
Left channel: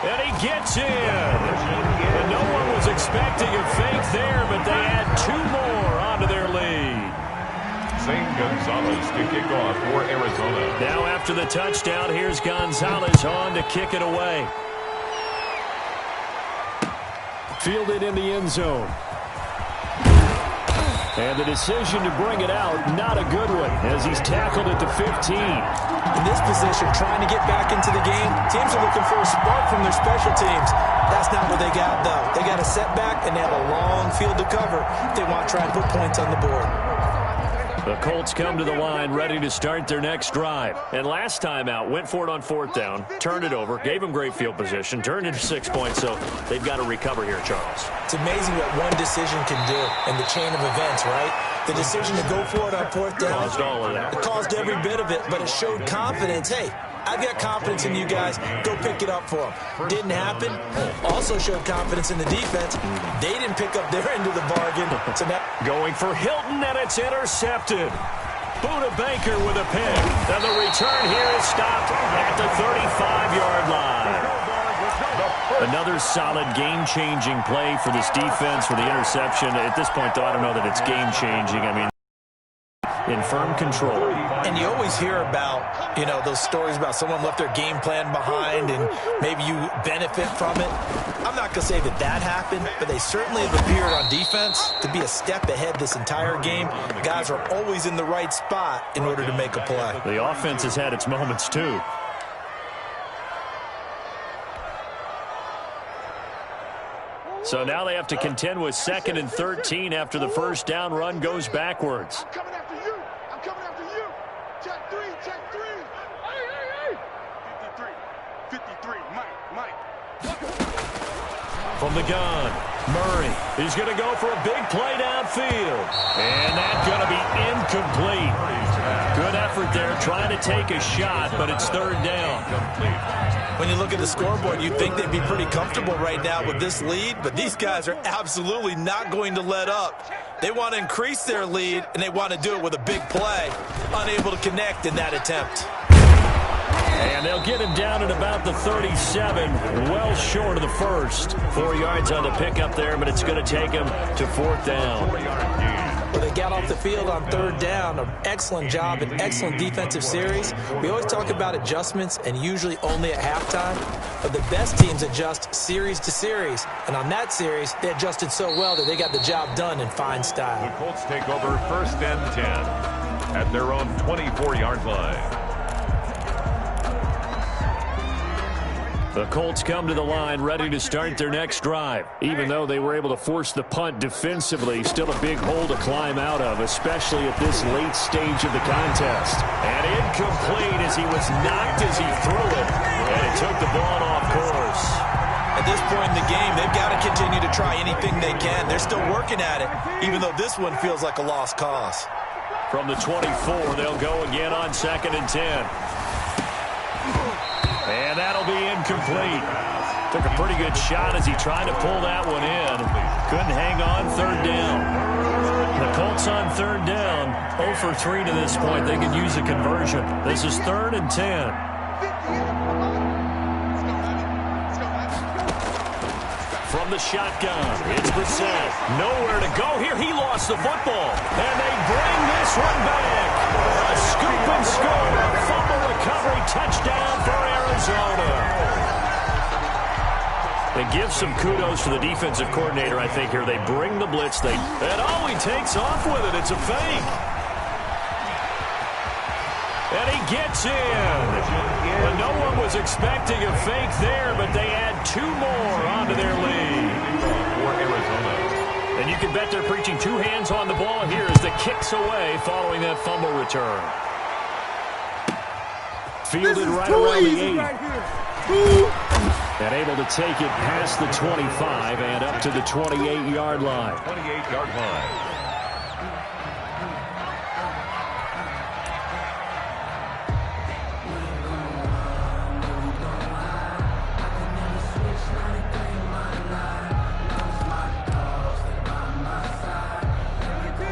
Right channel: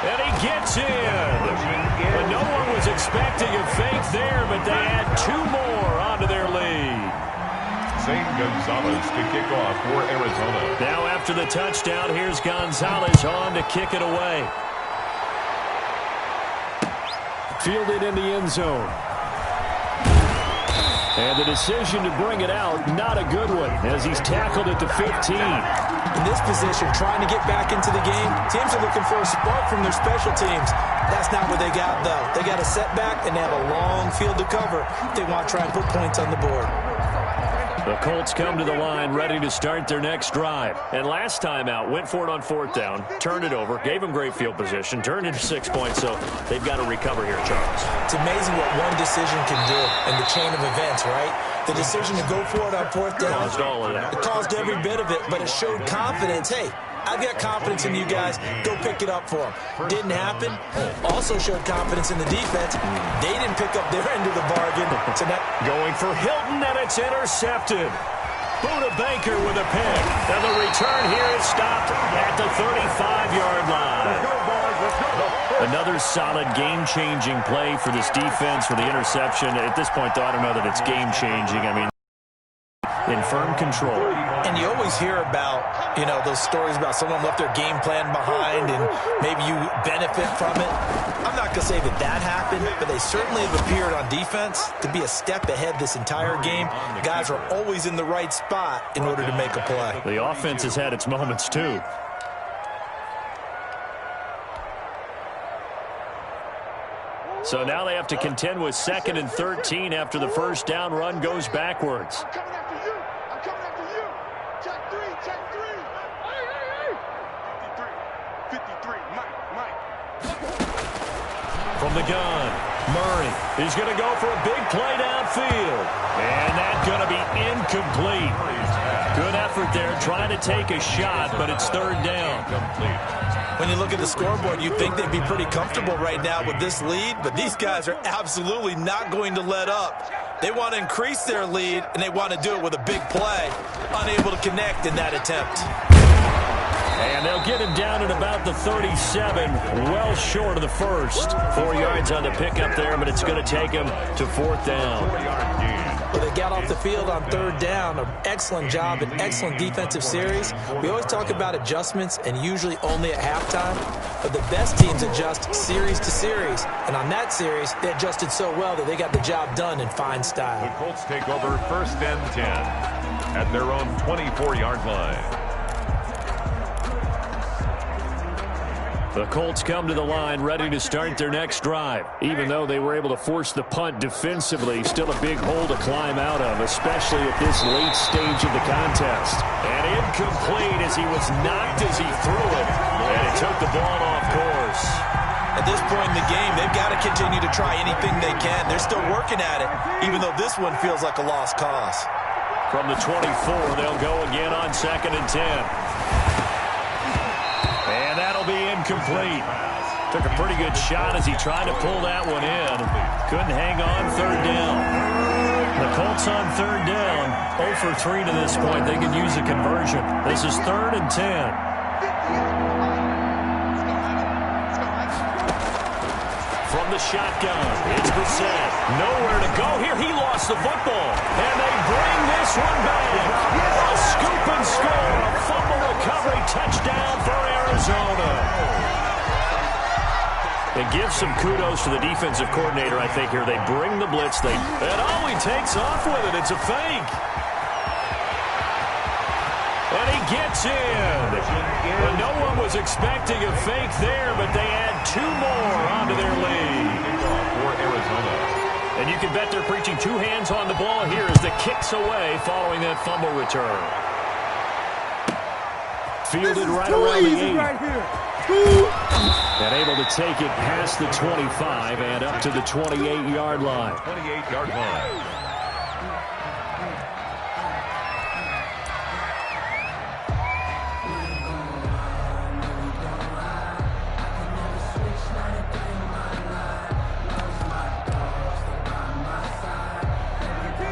And he gets in. But no one was expecting a fake there, but they add 2 more onto their lead. Zane Gonzalez to kick off for Arizona. Now after the touchdown, here's Gonzalez on to kick it away. Fielded in the end zone. And the decision to bring it out, not a good one, as he's tackled at the 15. In this position, trying to get back into the game, teams are looking for a spark from their special teams. That's not what they got, though. They got a setback, and they have a long field to cover if they want to try and put points on the board. The Colts come to the line ready to start their next drive. And last time out, went for it on 4th down, turned it over, gave them great field position, turned it to 6 points, so they've got to recover here, Charles. It's amazing what one decision can do in the chain of events, right? The decision to go for it on 4th down. Caused all of that. It caused every bit of it, but it showed confidence. Hey, I've got confidence in you guys. Go pick it up for them. Didn't happen. Also showed confidence in the defense. They didn't pick up their end of the bargain. So now going for Hilton, and it's intercepted. Buda Baker with a pick. And the return here is stopped at the 35-yard line. Another solid game-changing play for this defense for the interception. At this point, though, I don't know that it's game-changing. I mean, in firm control. And you always hear about, those stories about someone left their game plan behind and maybe you benefit from it. I'm not going to say that happened, but they certainly have appeared on defense to be a step ahead this entire game. Guys are always in the right spot in order to make a play. The offense has had its moments, too. So now they have to contend with 2nd and 13 after the first down run goes backwards. I'm coming after you. I'm coming after you. Check 3, check 3. Hey. 53, Mike. From the gun, Murray. He's going to go for a big play downfield. And that's going to be incomplete. Good effort there trying to take a shot, but it's 3rd down. When you look at the scoreboard, you'd think they'd be pretty comfortable right now with this lead, but these guys are absolutely not going to let up. They want to increase their lead, and they want to do it with a big play. Unable to connect in that attempt. And they'll get him down at about the 37, well short of the first. 4 yards on the pickup there, but it's going to take him to 4th down. Well, they got off the field on 3rd down. An excellent job, an excellent defensive series. We always talk about adjustments, and usually only at halftime. But the best teams adjust series to series. And on that series, they adjusted so well that they got the job done in fine style. The Colts take over 1st and 10 at their own 24-yard line. The Colts come to the line ready to start their next drive. Even though they were able to force the punt defensively, still a big hole to climb out of, especially at this late stage of the contest. And incomplete as he was knocked as he threw it. And it took the ball off course. At this point in the game, they've got to continue to try anything they can. They're still working at it, even though this one feels like a lost cause. From the 24, they'll go again on 2nd and 10. And that'll be incomplete. Took a pretty good shot as he tried to pull that one in. Couldn't hang on 3rd down. The Colts on 3rd down. 0 for 3 to this point. They could use a conversion. This is 3rd and 10. From the shotgun, it's Brissett. Nowhere to go here. He lost the football. And they bring this one back. A scoop and score. A fumble recovery touchdown for Arizona. They give some kudos to the defensive coordinator, I think, here. They bring the blitz. And he takes off with it. It's a fake. And he gets in. Well, no one was expecting a fake there, but they add 2 more onto their lead. For Arizona. And you can bet they're preaching 2 hands on the ball here as the kicks away following that fumble return. Fielded right around the 8. Right here. And able to take it past the 25 and up to the 28-yard line. 28-yard line.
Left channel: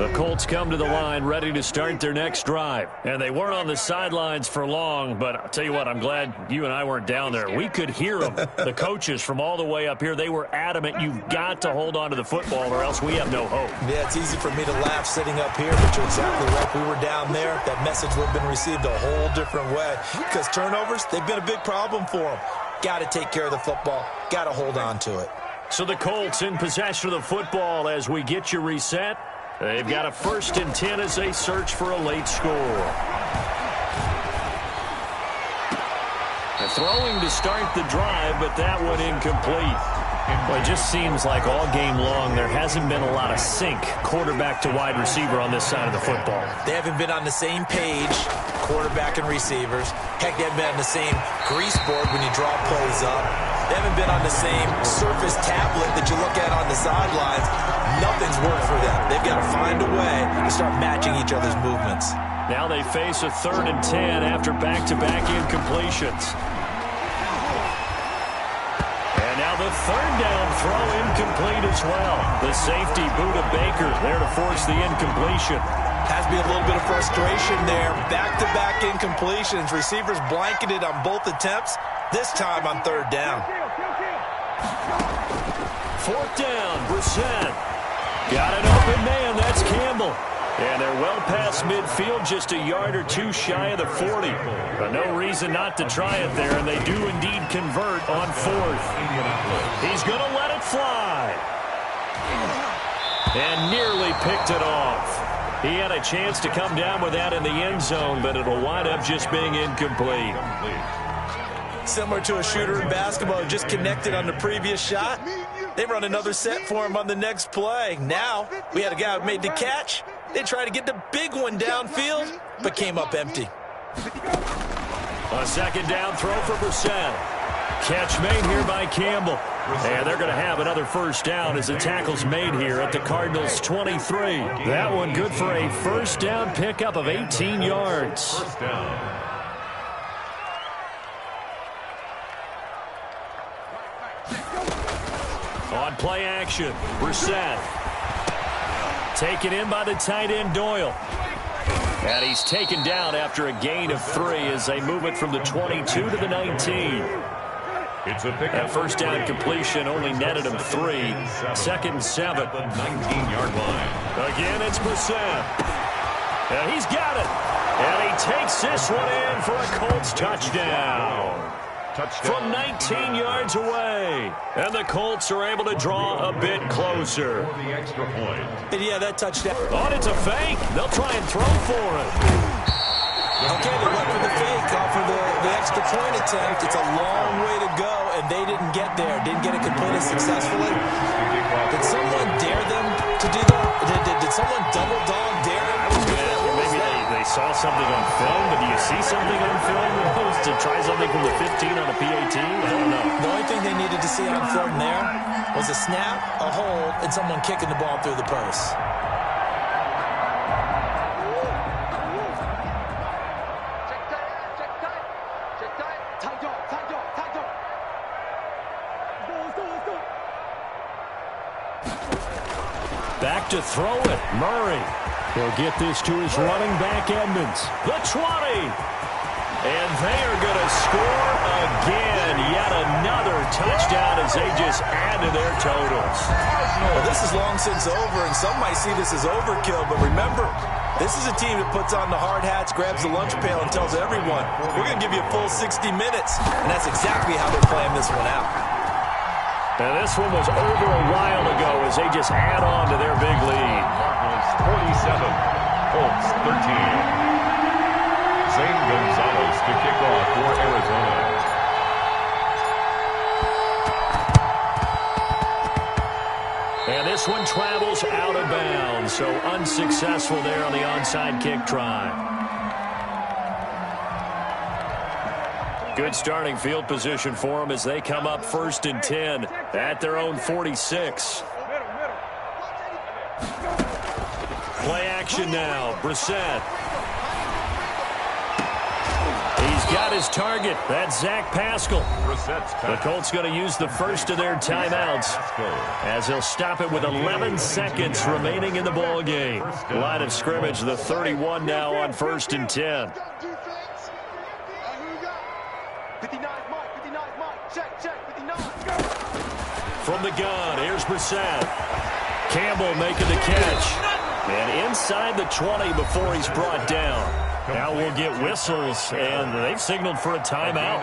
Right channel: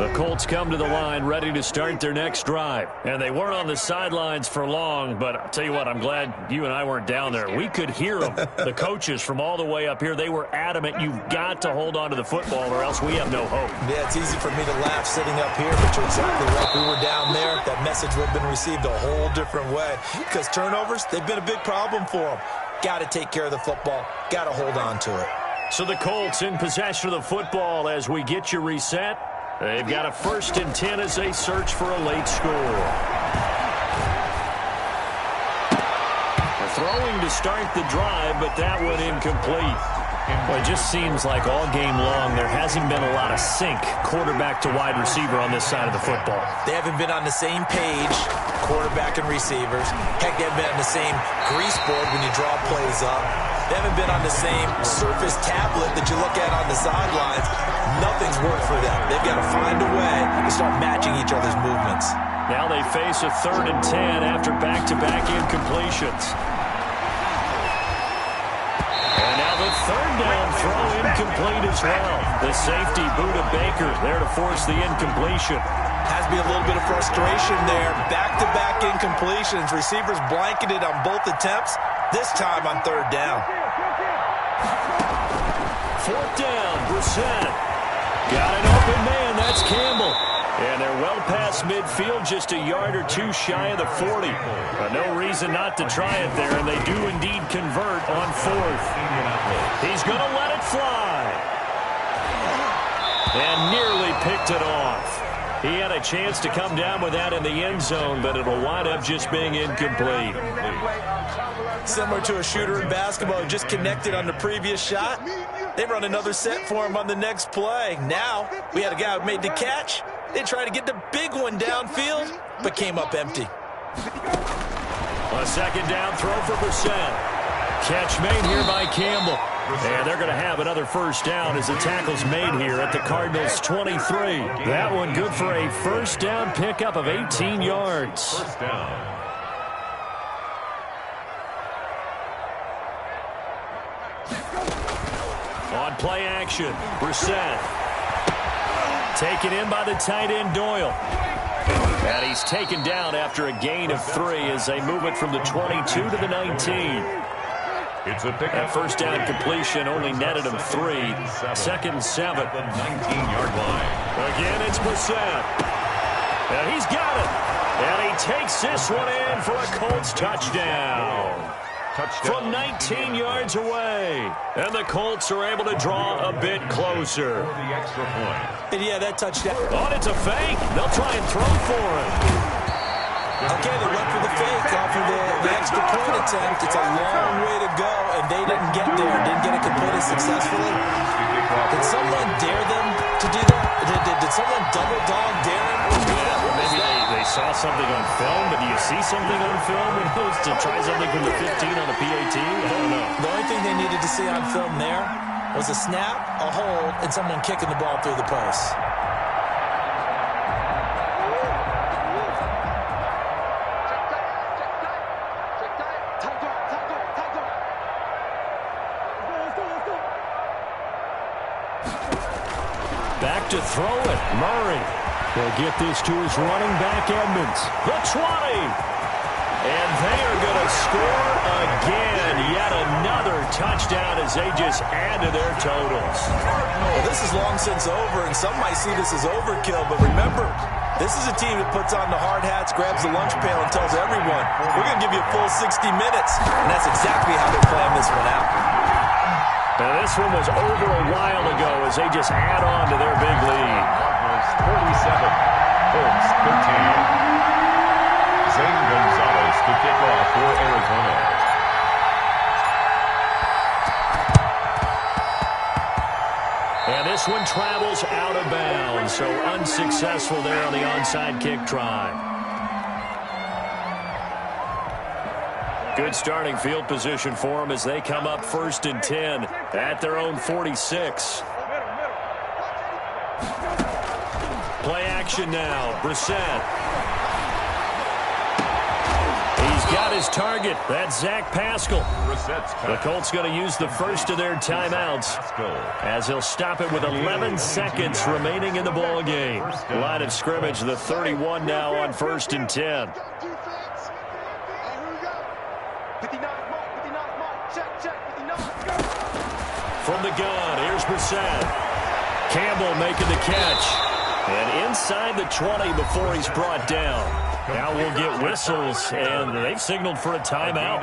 The Colts come to the line ready to start their next drive. And they weren't on the sidelines for long, but I'll tell you what, I'm glad you and I weren't down there. We could hear them, the coaches from all the way up here. They were adamant, you've got to hold on to the football or else we have no hope. Yeah, it's easy for me to laugh sitting up here, but you're exactly right. If we were down there, that message would have been received a whole different way. Because turnovers, they've been a big problem for them. Got to take care of the football. Got to hold on to it. So the Colts in possession of the football as we get you reset. They've got a 1st and 10 as they search for a late score. Throwing to start the drive, but that one incomplete. Well, it just seems like all game long there hasn't been a lot of sync quarterback to wide receiver on this side of the football. They haven't been on the same page, quarterback and receivers. Heck, they haven't been on the same grease board when you draw plays up. They haven't been on the same surface tablet that you look at on the sidelines. Nothing's worked for them. They've got to find a way to start matching each other's movements. Now they face a 3rd and 10 after back-to-back incompletions. And now the 3rd down throw incomplete as well. The safety, Buda Baker, there to force the incompletion. Has to be a little bit of frustration there. Back-to-back incompletions. Receivers blanketed on both attempts. This time on 3rd down. 4th down, Brissett. Got an open man, that's Campbell. And they're well past midfield, just a yard or two shy of the 40. But no reason not to try it there, and they do indeed convert on 4th. He's going to let it fly. And nearly picked it off. He had a chance to come down with that in the end zone, but it'll wind up just being incomplete. Similar to a shooter in basketball who just connected on the previous shot. They run another set for him on the next play. Now, we had a guy who made the catch. They tried to get the big one downfield, but came up empty. A 2nd down throw for Brissett. Catch made here by Campbell. And they're going to have another 1st down as the tackle's made here at the Cardinals' 23. That one good for a 1st down pickup of 18 yards. 1st down. On play action, Brissett. Taken in by the tight end, Doyle. And he's taken down after a gain of 3 as they move it from the 22 to the 19. It's a pickup. That 1st down completion only netted him 3. 2nd and 7. The 19-yard line. Again, it's Brissett. And he's got it. And he takes this one in for a Colts touchdown. From 19 yards away. And the Colts are able to draw a bit closer. For the extra point. And yeah, that touchdown. Oh, it's a fake. They'll try and throw for it. Okay, they went for the fake off of the extra point attempt. It's a long way to go, and they didn't get there. Didn't get it completed successfully. Did someone dare them to do that? Did someone double dog dare them? Maybe they saw something on film, but do you see something on film to try something from the 15 on a PAT? I don't know. The only thing they needed to see on film there was a snap, a hold, and someone kicking the ball through the posts. Back to throw it, Murray. He'll get this to his running back, Edmonds. The 20. And they are going to score again. Yet another touchdown as they just add to their totals. Well, this is long since over, and some might see this as overkill. But remember, this is a team that puts on the hard hats, grabs the lunch pail, and tells everyone, we're going to give you a full 60 minutes. And that's exactly how they're playing this one out. Now, this one was over a while ago as they just add on to their big lead. Cardinals 47, Colts 13. Zane Gonzalez to kick off for Arizona. And this one travels out of bounds, so unsuccessful there on the onside kick try. Good starting field position for them as they come up 1st and 10 at their own 46. Play action now. Brissett. He's He's got his target. That's Zach Pascal. The Colts going to use the first of their timeouts as he'll stop it with 11 seconds remaining in the ball game. Line of scrimmage, the 31 now on 1st and 10. 59, Mike, 59, Mike. Check, 59. From the gun, here's Brissett. Campbell making the catch. And inside the 20 before he's brought down. Now we'll get whistles, and they've signaled for a timeout.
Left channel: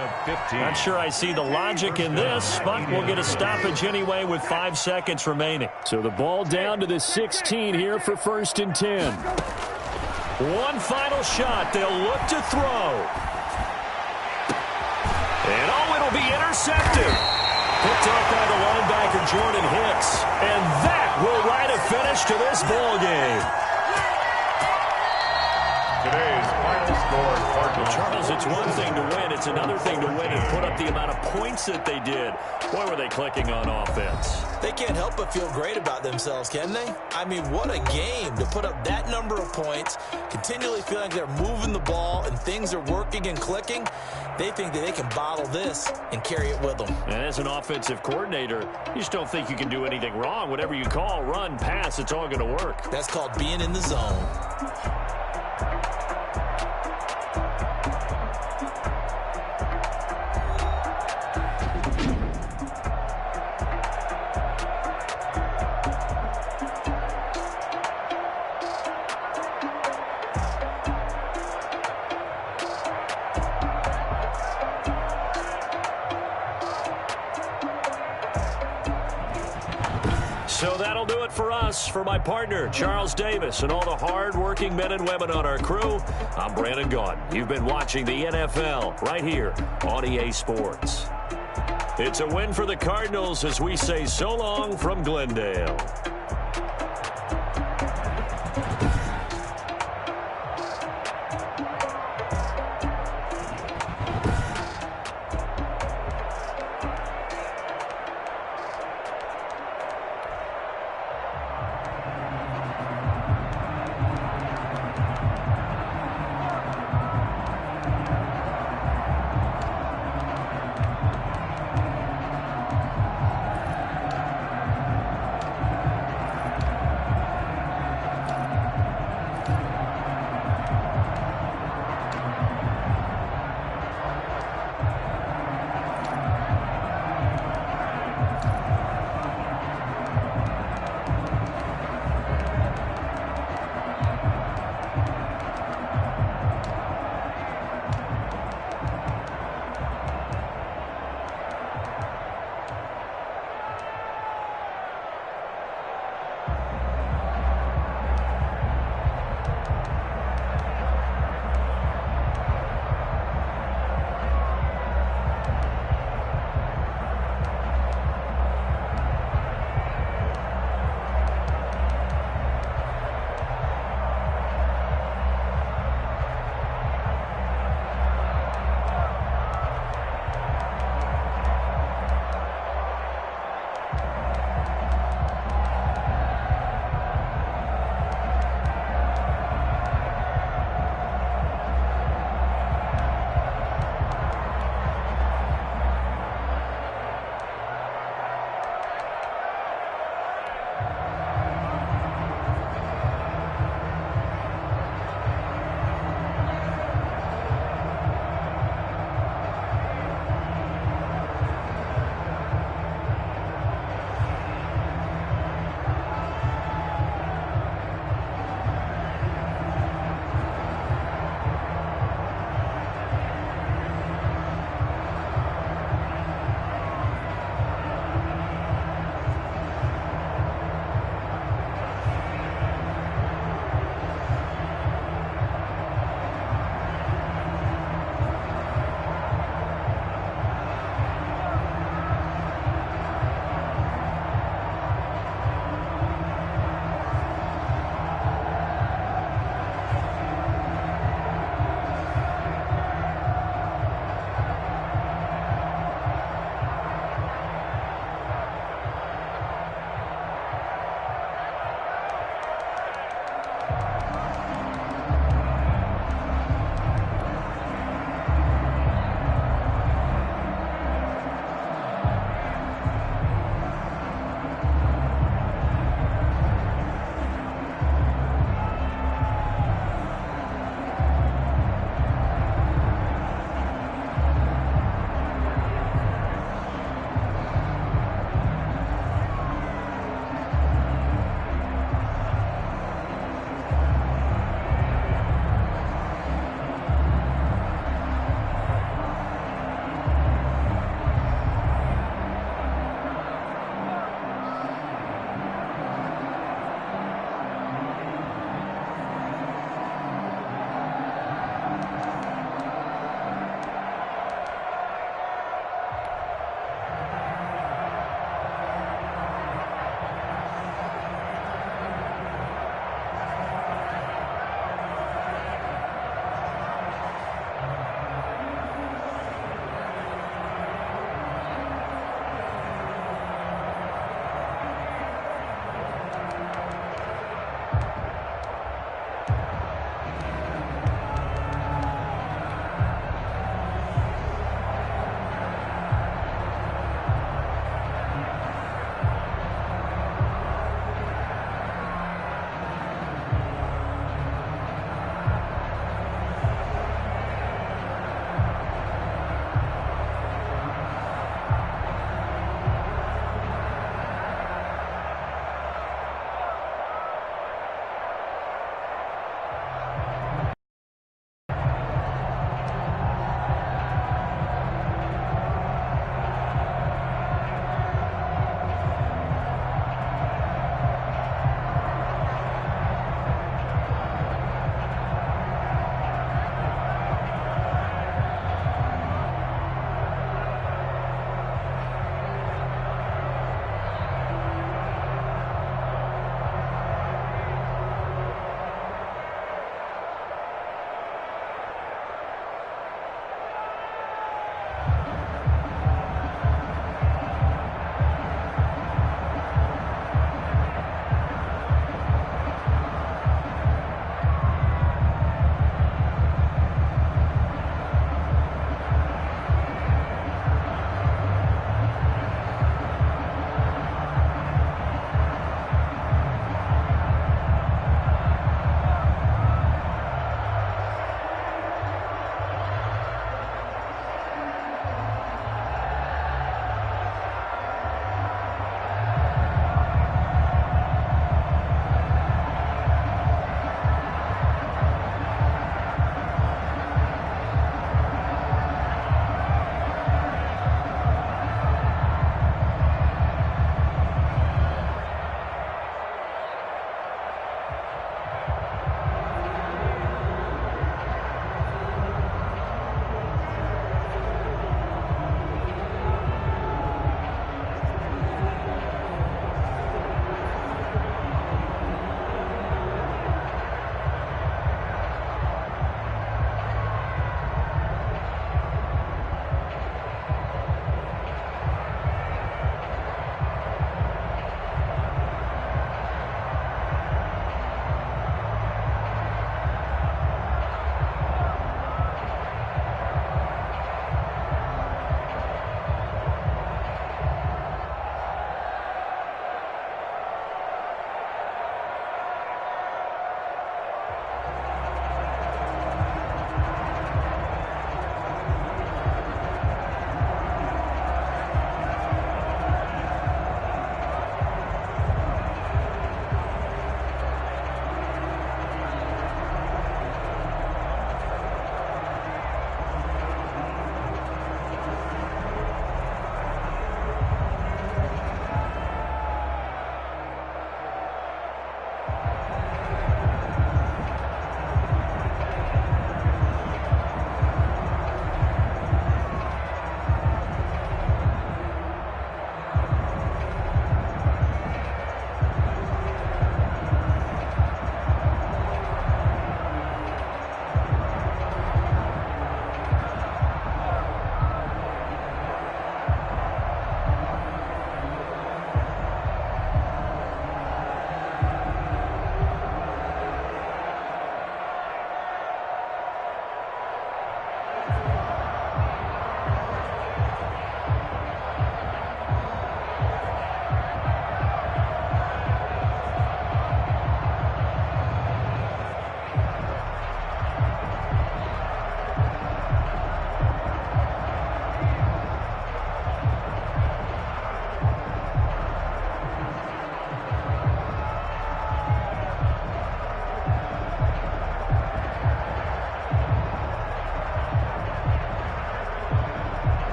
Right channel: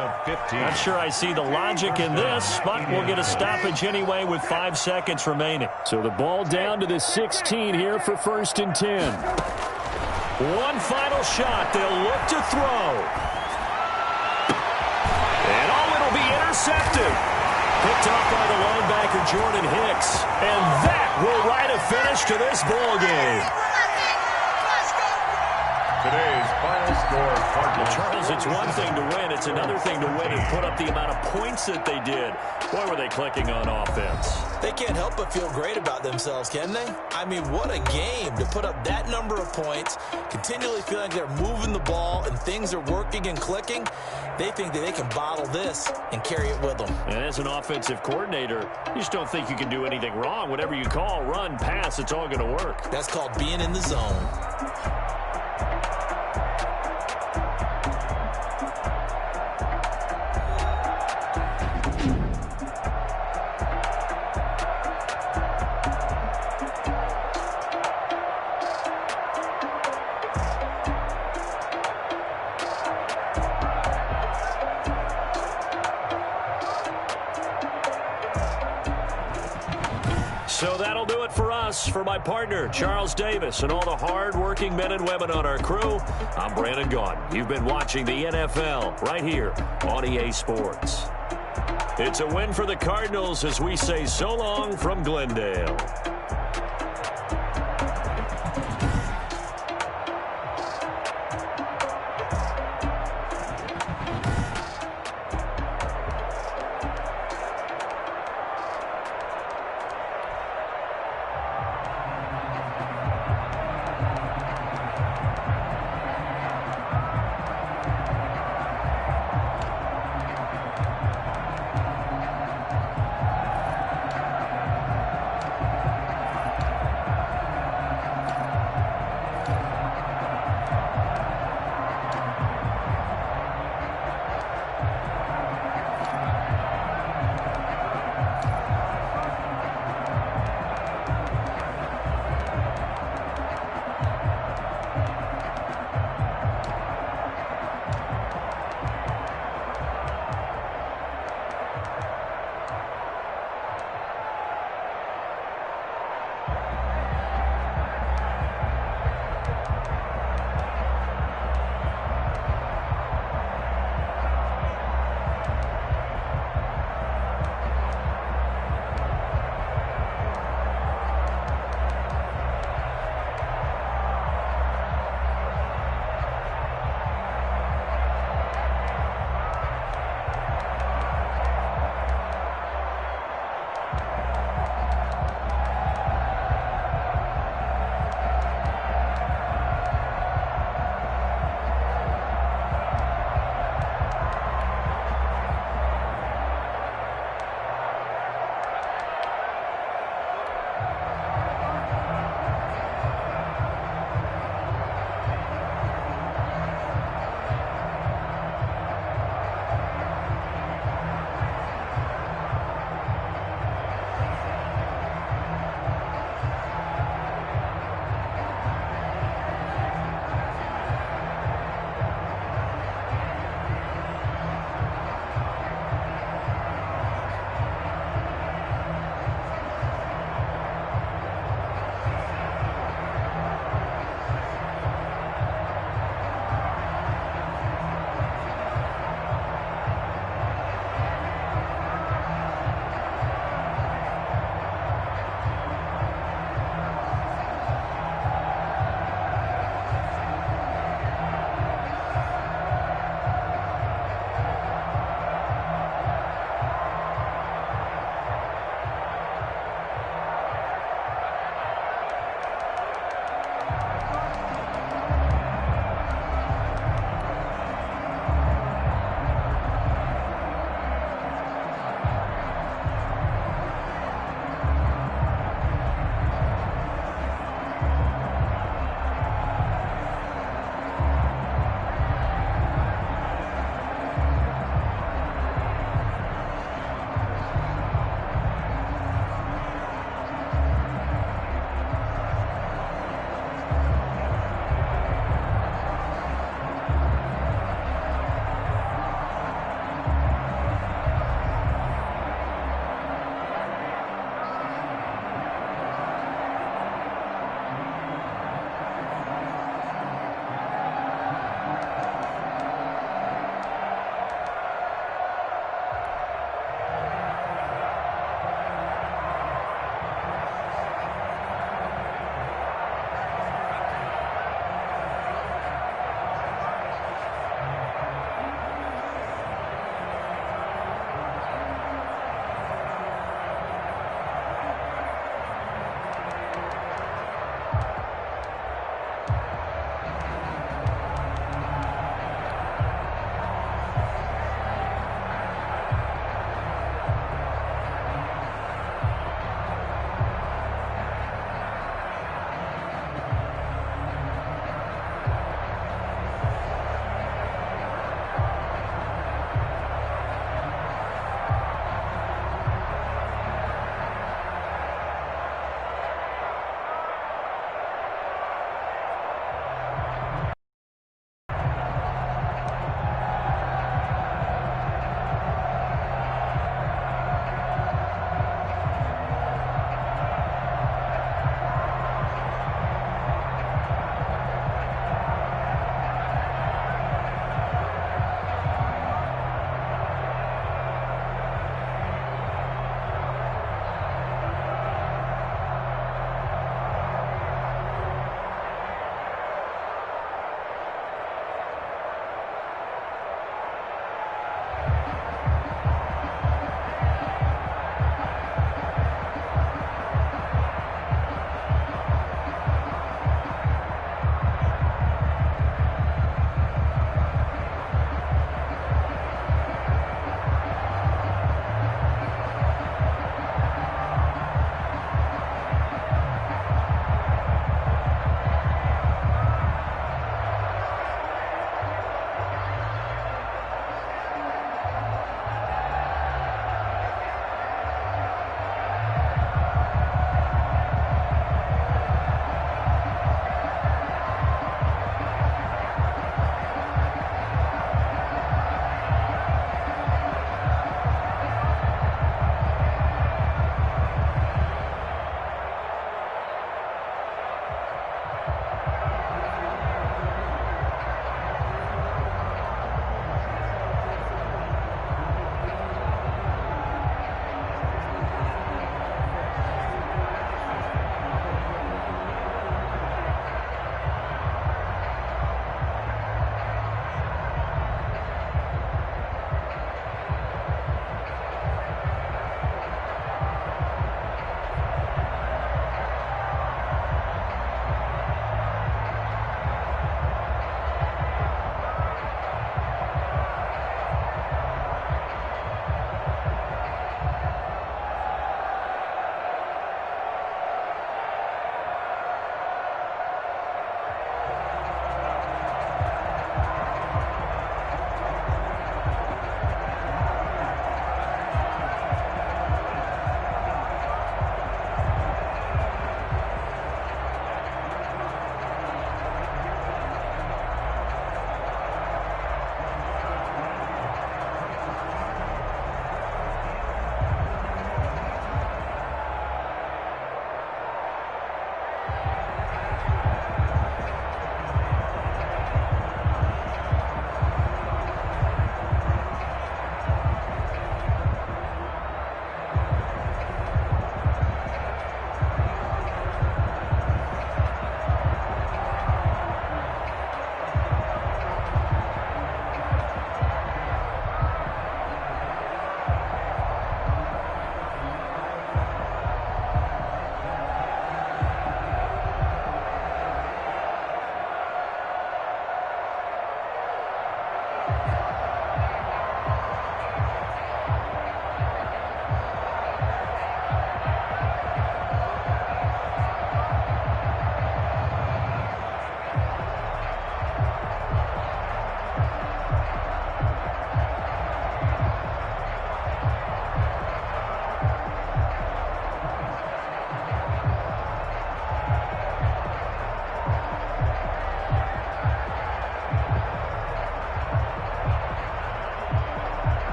Not sure I see the logic in this, but we'll get a stoppage anyway with 5 seconds remaining. So the ball down to the 16 here for 1st and 10. One final shot. They'll look to throw. And it'll be intercepted. Picked off by the linebacker, Jordan Hicks. And that will write a finish to this ball game. Today's final score, Cardinals. Charles, it's one thing to win. It's another thing to win and put up the amount of points that they did. Boy, were they clicking on offense. They can't help but feel great about themselves, can they? I mean, what a game to put up that number of points, continually feeling like they're moving the ball and things are working and clicking. They think that they can bottle this and carry it with them. And as an offensive coordinator, you just don't think you can do anything wrong. Whatever you call, run, pass, it's all going to work. That's called being in the zone. So that'll do it for us. For my partner, Charles Davis, and all the hard-working men and women on our crew, I'm Brandon Gaudin. You've been watching the NFL right here on EA Sports. It's a win for the Cardinals as we say so long from Glendale.